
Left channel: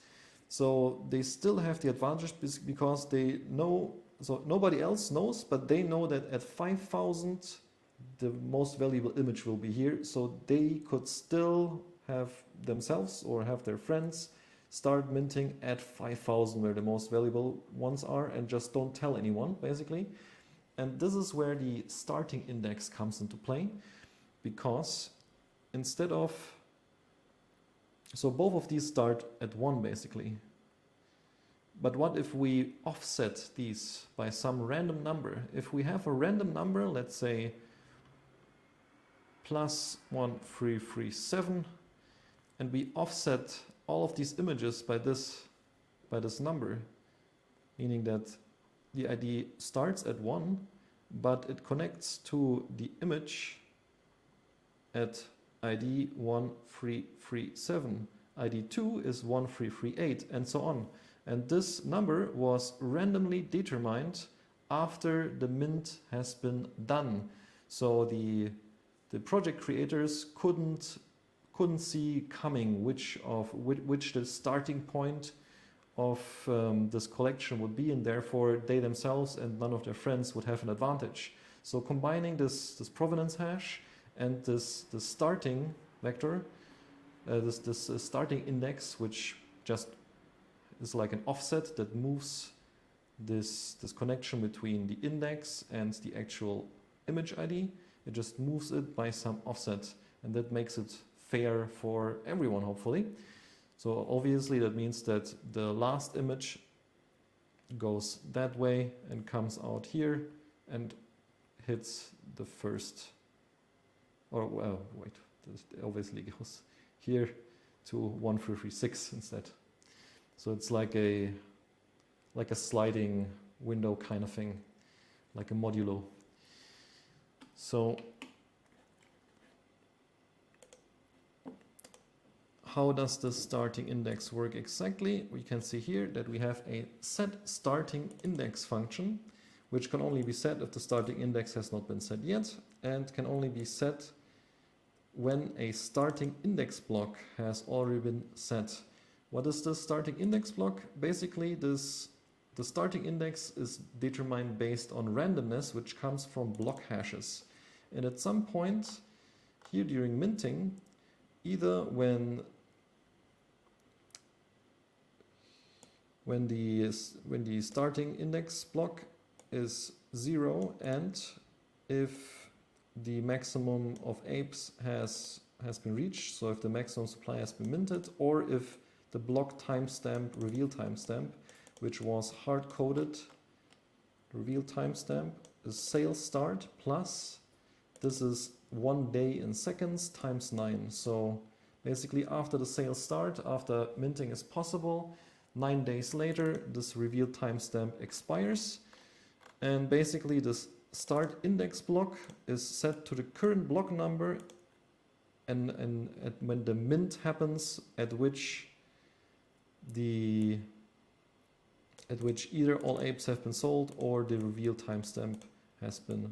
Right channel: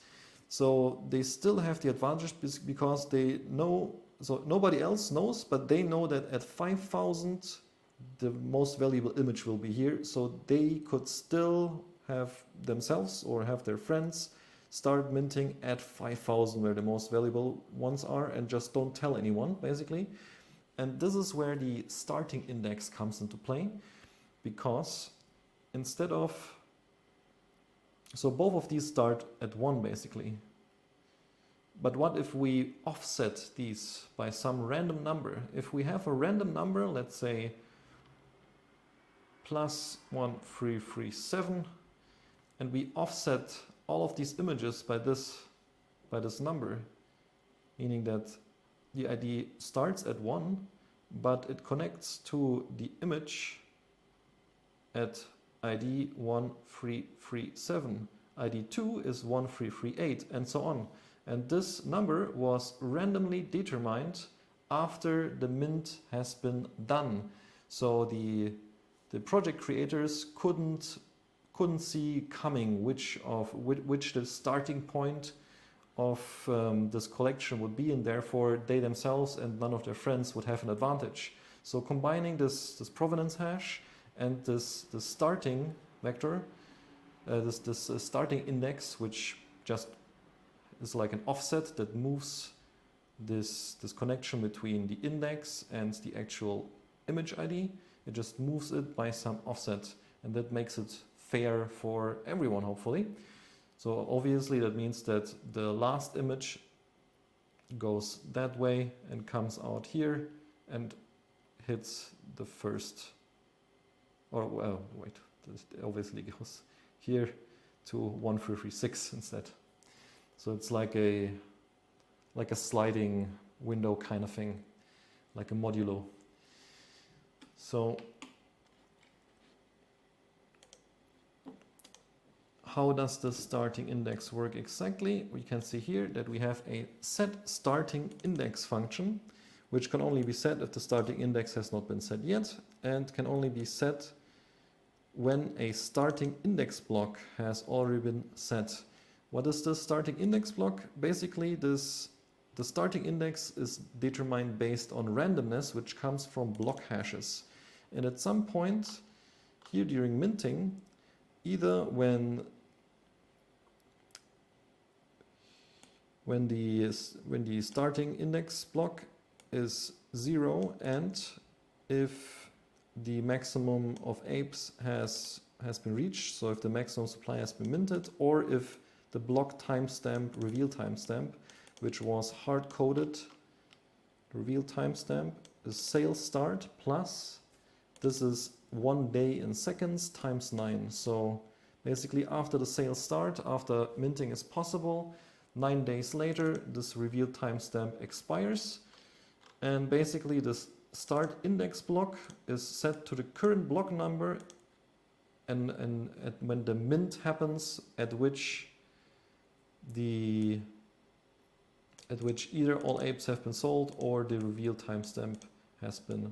So they still have the advantage because they know, so nobody else knows, but they know that at 5,000 the most valuable image will be here, so they could still have themselves or have their friends start minting at 5,000 where the most valuable ones are, and just don't tell anyone, basically. And this is where the starting index comes into play, because instead of, so both of these start at 1 basically, but what if we offset these by some random number? If we have a random number, let's say +1337, and we offset all of these images by this number, meaning that the ID starts at 1, but it connects to the image at ID 1337, ID 2 is 1338, and so on. And this number was randomly determined after the mint has been done. So the project creators couldn't see coming which the starting point of this collection would be, and therefore they themselves and none of their friends would have an advantage. So combining this provenance hash and this starting vector, this starting index, which just is like an offset that moves this connection between the index and the actual image ID. It just moves it by some offset, and that makes it fair for everyone, hopefully. So obviously that means that the last image goes that way and comes out here and hits the first, or well, wait, it obviously goes here to 1336 instead. So it's like a sliding window kind of thing, like a modulo. So how does the starting index work exactly? We can see here that we have a set starting index function, which can only be set if the starting index has not been set yet, and can only be set when a starting index block has already been set. What is the starting index block? Basically, the starting index is determined based on randomness, which comes from block hashes. And at some point here during minting, either when the starting index block is 0 and if the maximum of apes has been reached, so if the maximum supply has been minted, or if the block timestamp, reveal timestamp, which was hard-coded, reveal timestamp is sale start plus, this is 1 day in seconds times 9. So basically after the sale start, after minting is possible, 9 days later, this reveal timestamp expires. And basically this start index block is set to the current block number and when the mint happens, at which either all apes have been sold or the reveal timestamp has been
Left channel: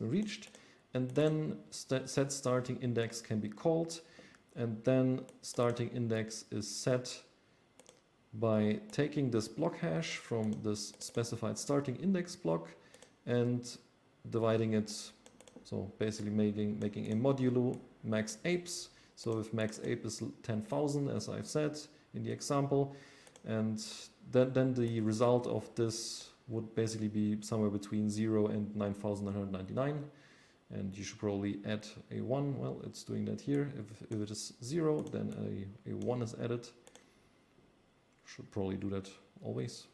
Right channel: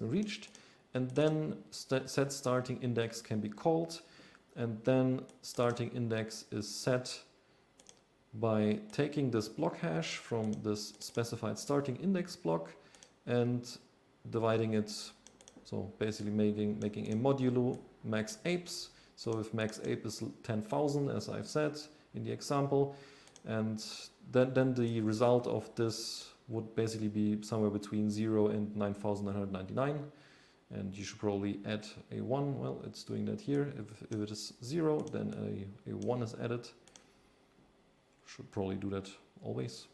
reached. And then set starting index can be called, and then starting index is set by taking this block hash from this specified starting index block and dividing it, so basically making a modulo max apes. So if max ape is 10,000, as I've said in the example, and then the result of this would basically be somewhere between 0 and 9,999. And you should probably add a 1. Well, it's doing that here. If it is 0, then a 1 is added. Should probably do that always,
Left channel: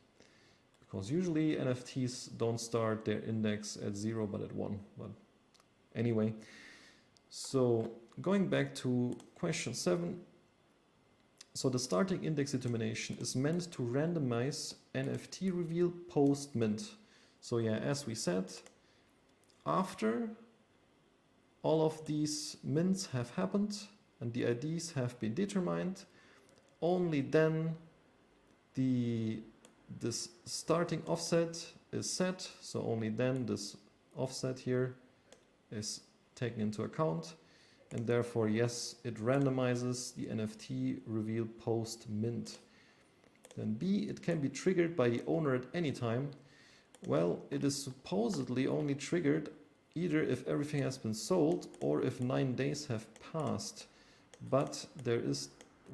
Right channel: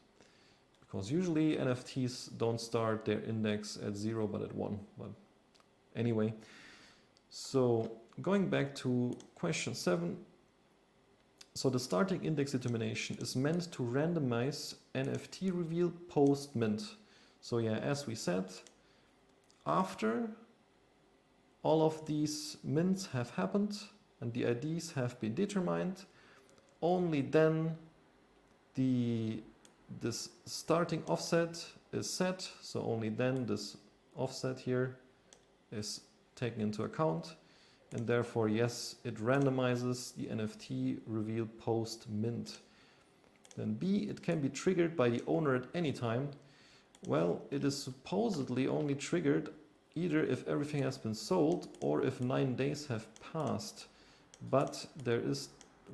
because usually NFTs don't start their index at 0 but at 1. But anyway, so going back to question 7. So the starting index determination is meant to randomize NFT reveal post mint. So yeah, as we said, after all of these mints have happened and the IDs have been determined, only then this starting offset is set. So only then this offset here is taken into account, and therefore yes, it randomizes the NFT reveal post mint. Then B, it can be triggered by the owner at any time. Well, it is supposedly only triggered either if everything has been sold or if 9 days have passed. But there is,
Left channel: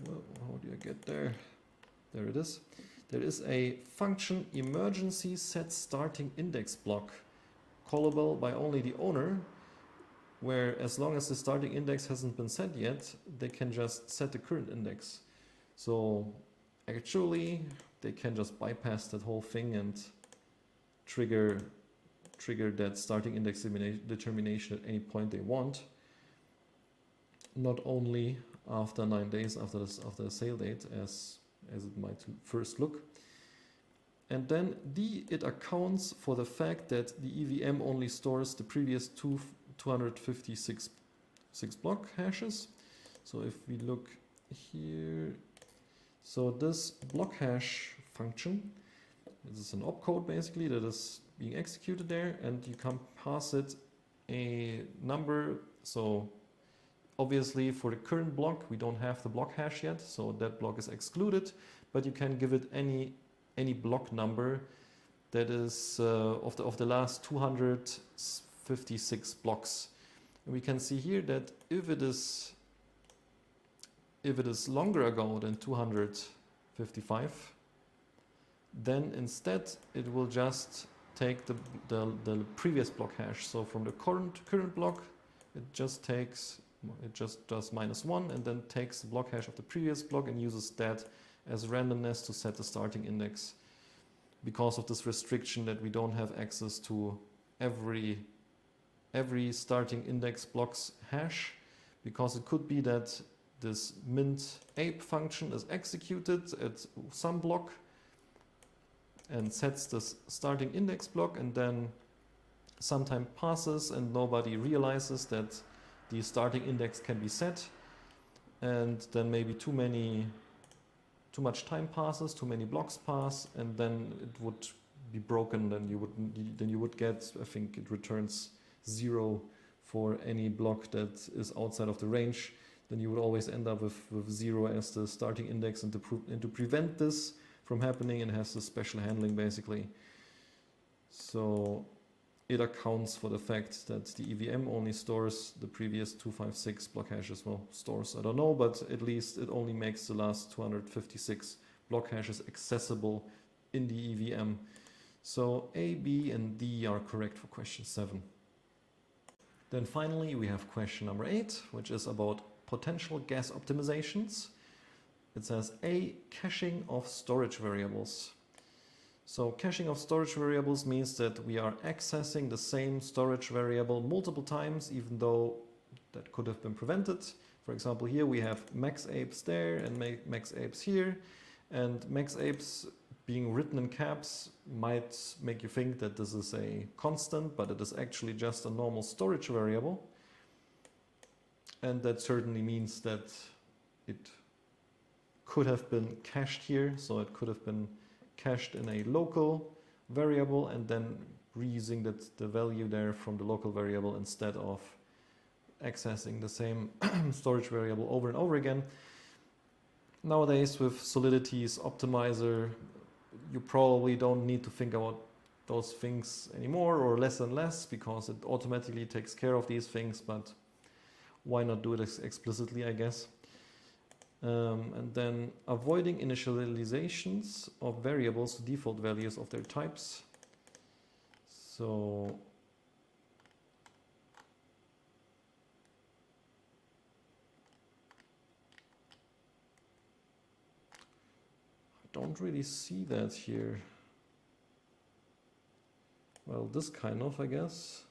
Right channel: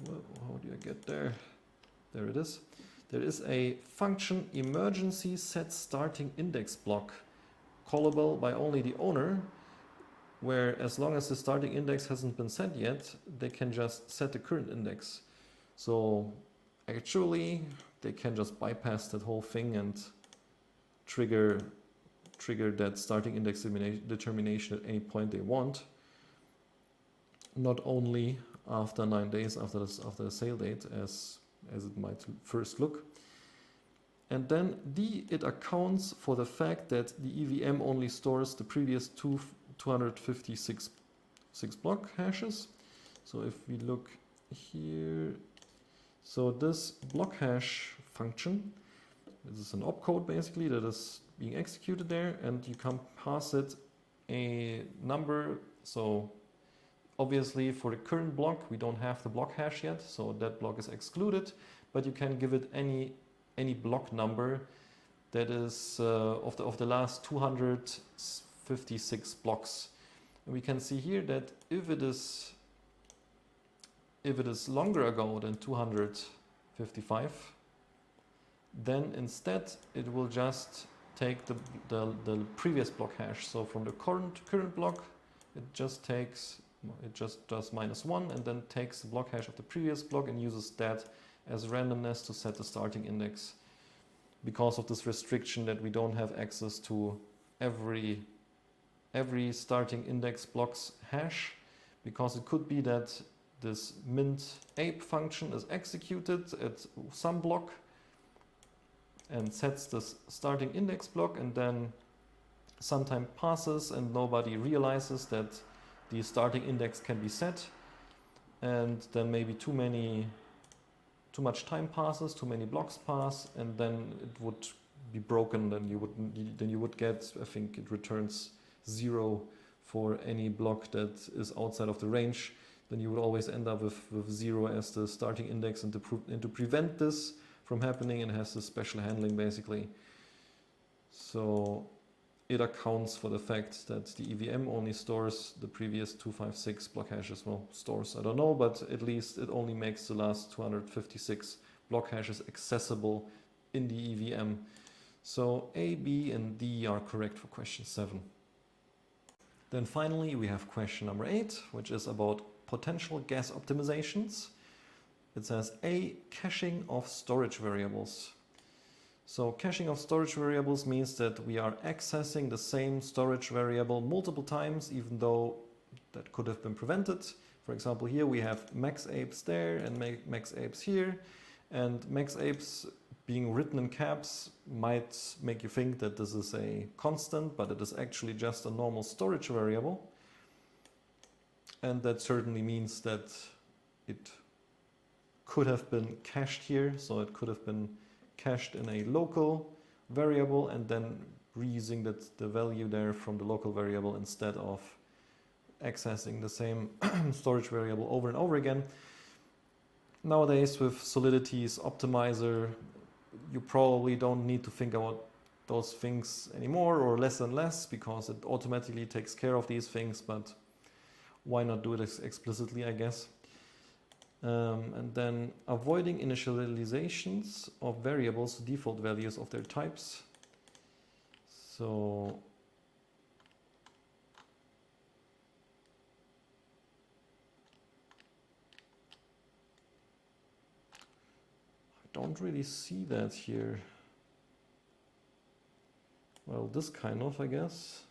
well, how do I get there? There it is. There is a function emergency set starting index block callable by only the owner, where as long as the starting index hasn't been set yet, they can just set the current index. So actually they can just bypass that whole thing and trigger that starting index determination at any point they want, not only after 9 days after the sale date as it might first look. And then D, it accounts for the fact that the EVM only stores the previous 256 block hashes. So if we look here, so this block hash function, this is an opcode basically that is being executed there, and you can pass it a number. So obviously for the current block we don't have the block hash yet, so that block is excluded, but you can give it any block number that is of the last 256 blocks. And we can see here that if it is longer ago than 255, then instead it will just take the previous block hash. So from the current block, it just does -1 and then takes the block hash of the previous block and uses that as randomness to set the starting index, because of this restriction that we don't have access to every starting index block's hash, because it could be that this mint ape function is executed at some block and sets the starting index block, and then some time passes and nobody realizes that the starting index can be set, and then maybe too much time passes, too many blocks pass, and then it would be broken. Then you would get, I think it returns 0 for any block that is outside of the range. Then you would always end up with 0 as the starting index, and to prevent this from happening, and has this special handling basically. So it accounts for the fact that the EVM only stores the previous 256 block hashes. Well, stores, I don't know, but at least it only makes the last 256 block hashes accessible in the EVM. So A, B, and D are correct for question 7. Then finally we have question number 8, which is about potential gas optimizations. It says A, caching of storage variables. So caching of storage variables means that we are accessing the same storage variable multiple times, even though that could have been prevented. For example, here we have max apes there and max apes here, and max apes being written in caps might make you think that this is a constant, but it is actually just a normal storage variable. And that certainly means that it could have been cached here, so it could have been cached in a local variable and then reusing the value there from the local variable instead of accessing the same storage variable over and over again. Nowadays with Solidity's optimizer, you probably don't need to think about those things anymore, or less and less, because it automatically takes care of these things, but why not do it explicitly, I guess. And then avoiding initializations of variables to default values of their types. So I don't really see that here. Well, this kind of, I guess.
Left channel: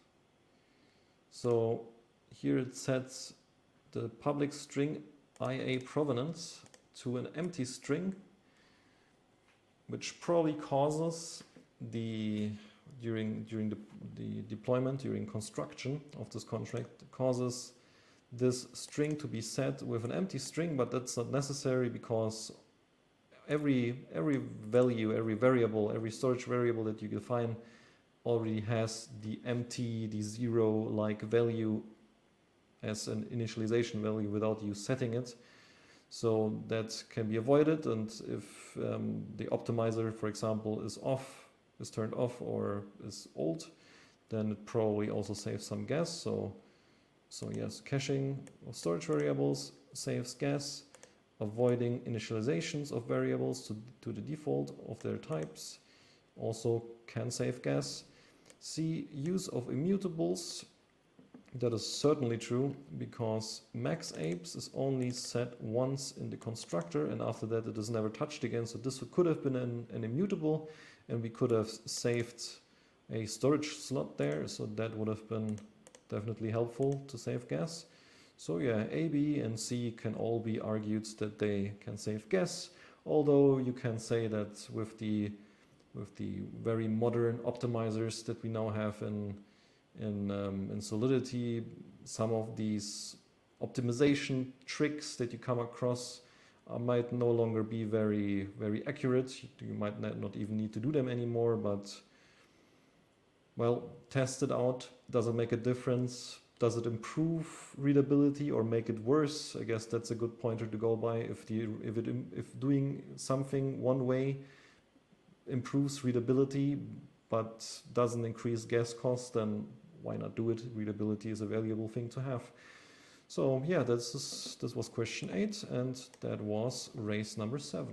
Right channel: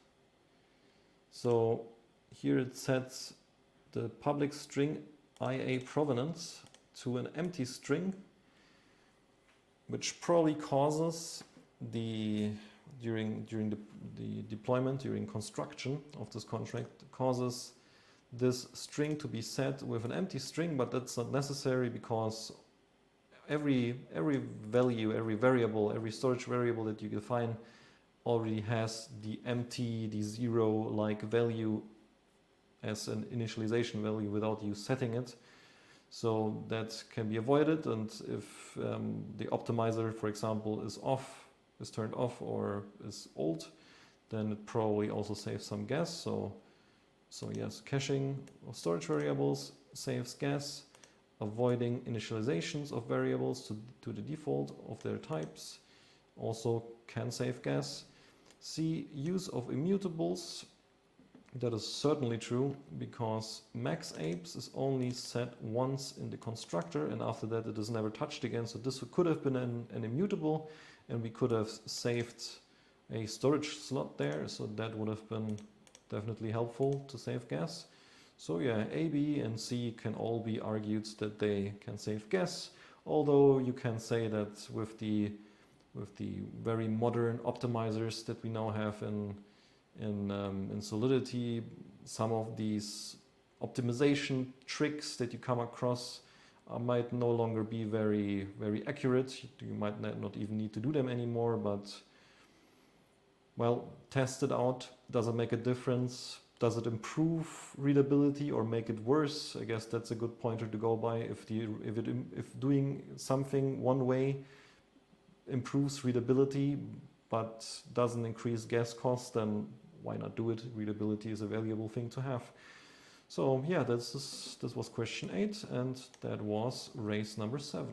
So here it sets the public string IA provenance to an empty string, which probably causes during the deployment, during construction of this contract, causes this string to be set with an empty string, but that's not necessary because every value, every variable, every storage variable that you define already has the empty, the zero-like value as an initialization value without you setting it. So that can be avoided, and if the optimizer, for example, is turned off or is old, then it probably also saves some gas. So yes, caching of storage variables saves gas. Avoiding initializations of variables to the default of their types also can save gas. C, use of immutables. That is certainly true, because max apes is only set once in the constructor, and after that it is never touched again. So this could have been an immutable, and we could have saved a storage slot there. So that would have been definitely helpful to save gas. So yeah, A, B, and C can all be argued that they can save gas. Although you can say that with the very modern optimizers that we now have in Solidity, some of these optimization tricks that you come across might no longer be very accurate. You might not even need to do them anymore, but well, test it out. Does it make a difference? Does it improve readability or make it worse? I guess that's a good pointer to go by. If doing something one way improves readability but doesn't increase gas costs, then why not do it? Readability is a valuable thing to have. So yeah, this was question 8, and that was race number 7.